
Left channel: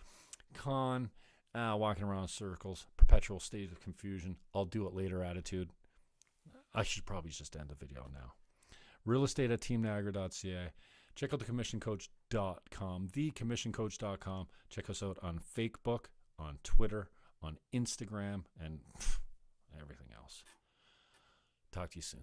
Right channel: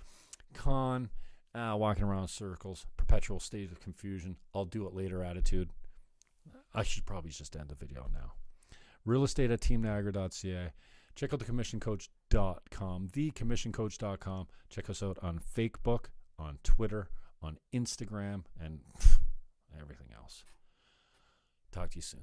Con, walking around in circles, perpetual state of confusion. I'll do it later attitude. I should probably just end the video now. realestate@teamniagara.ca. Check out thecommissioncoach.com, thecommissioncoach.com. Check us out on Facebook, on Twitter, on Instagram, and everything else. Talk to you soon.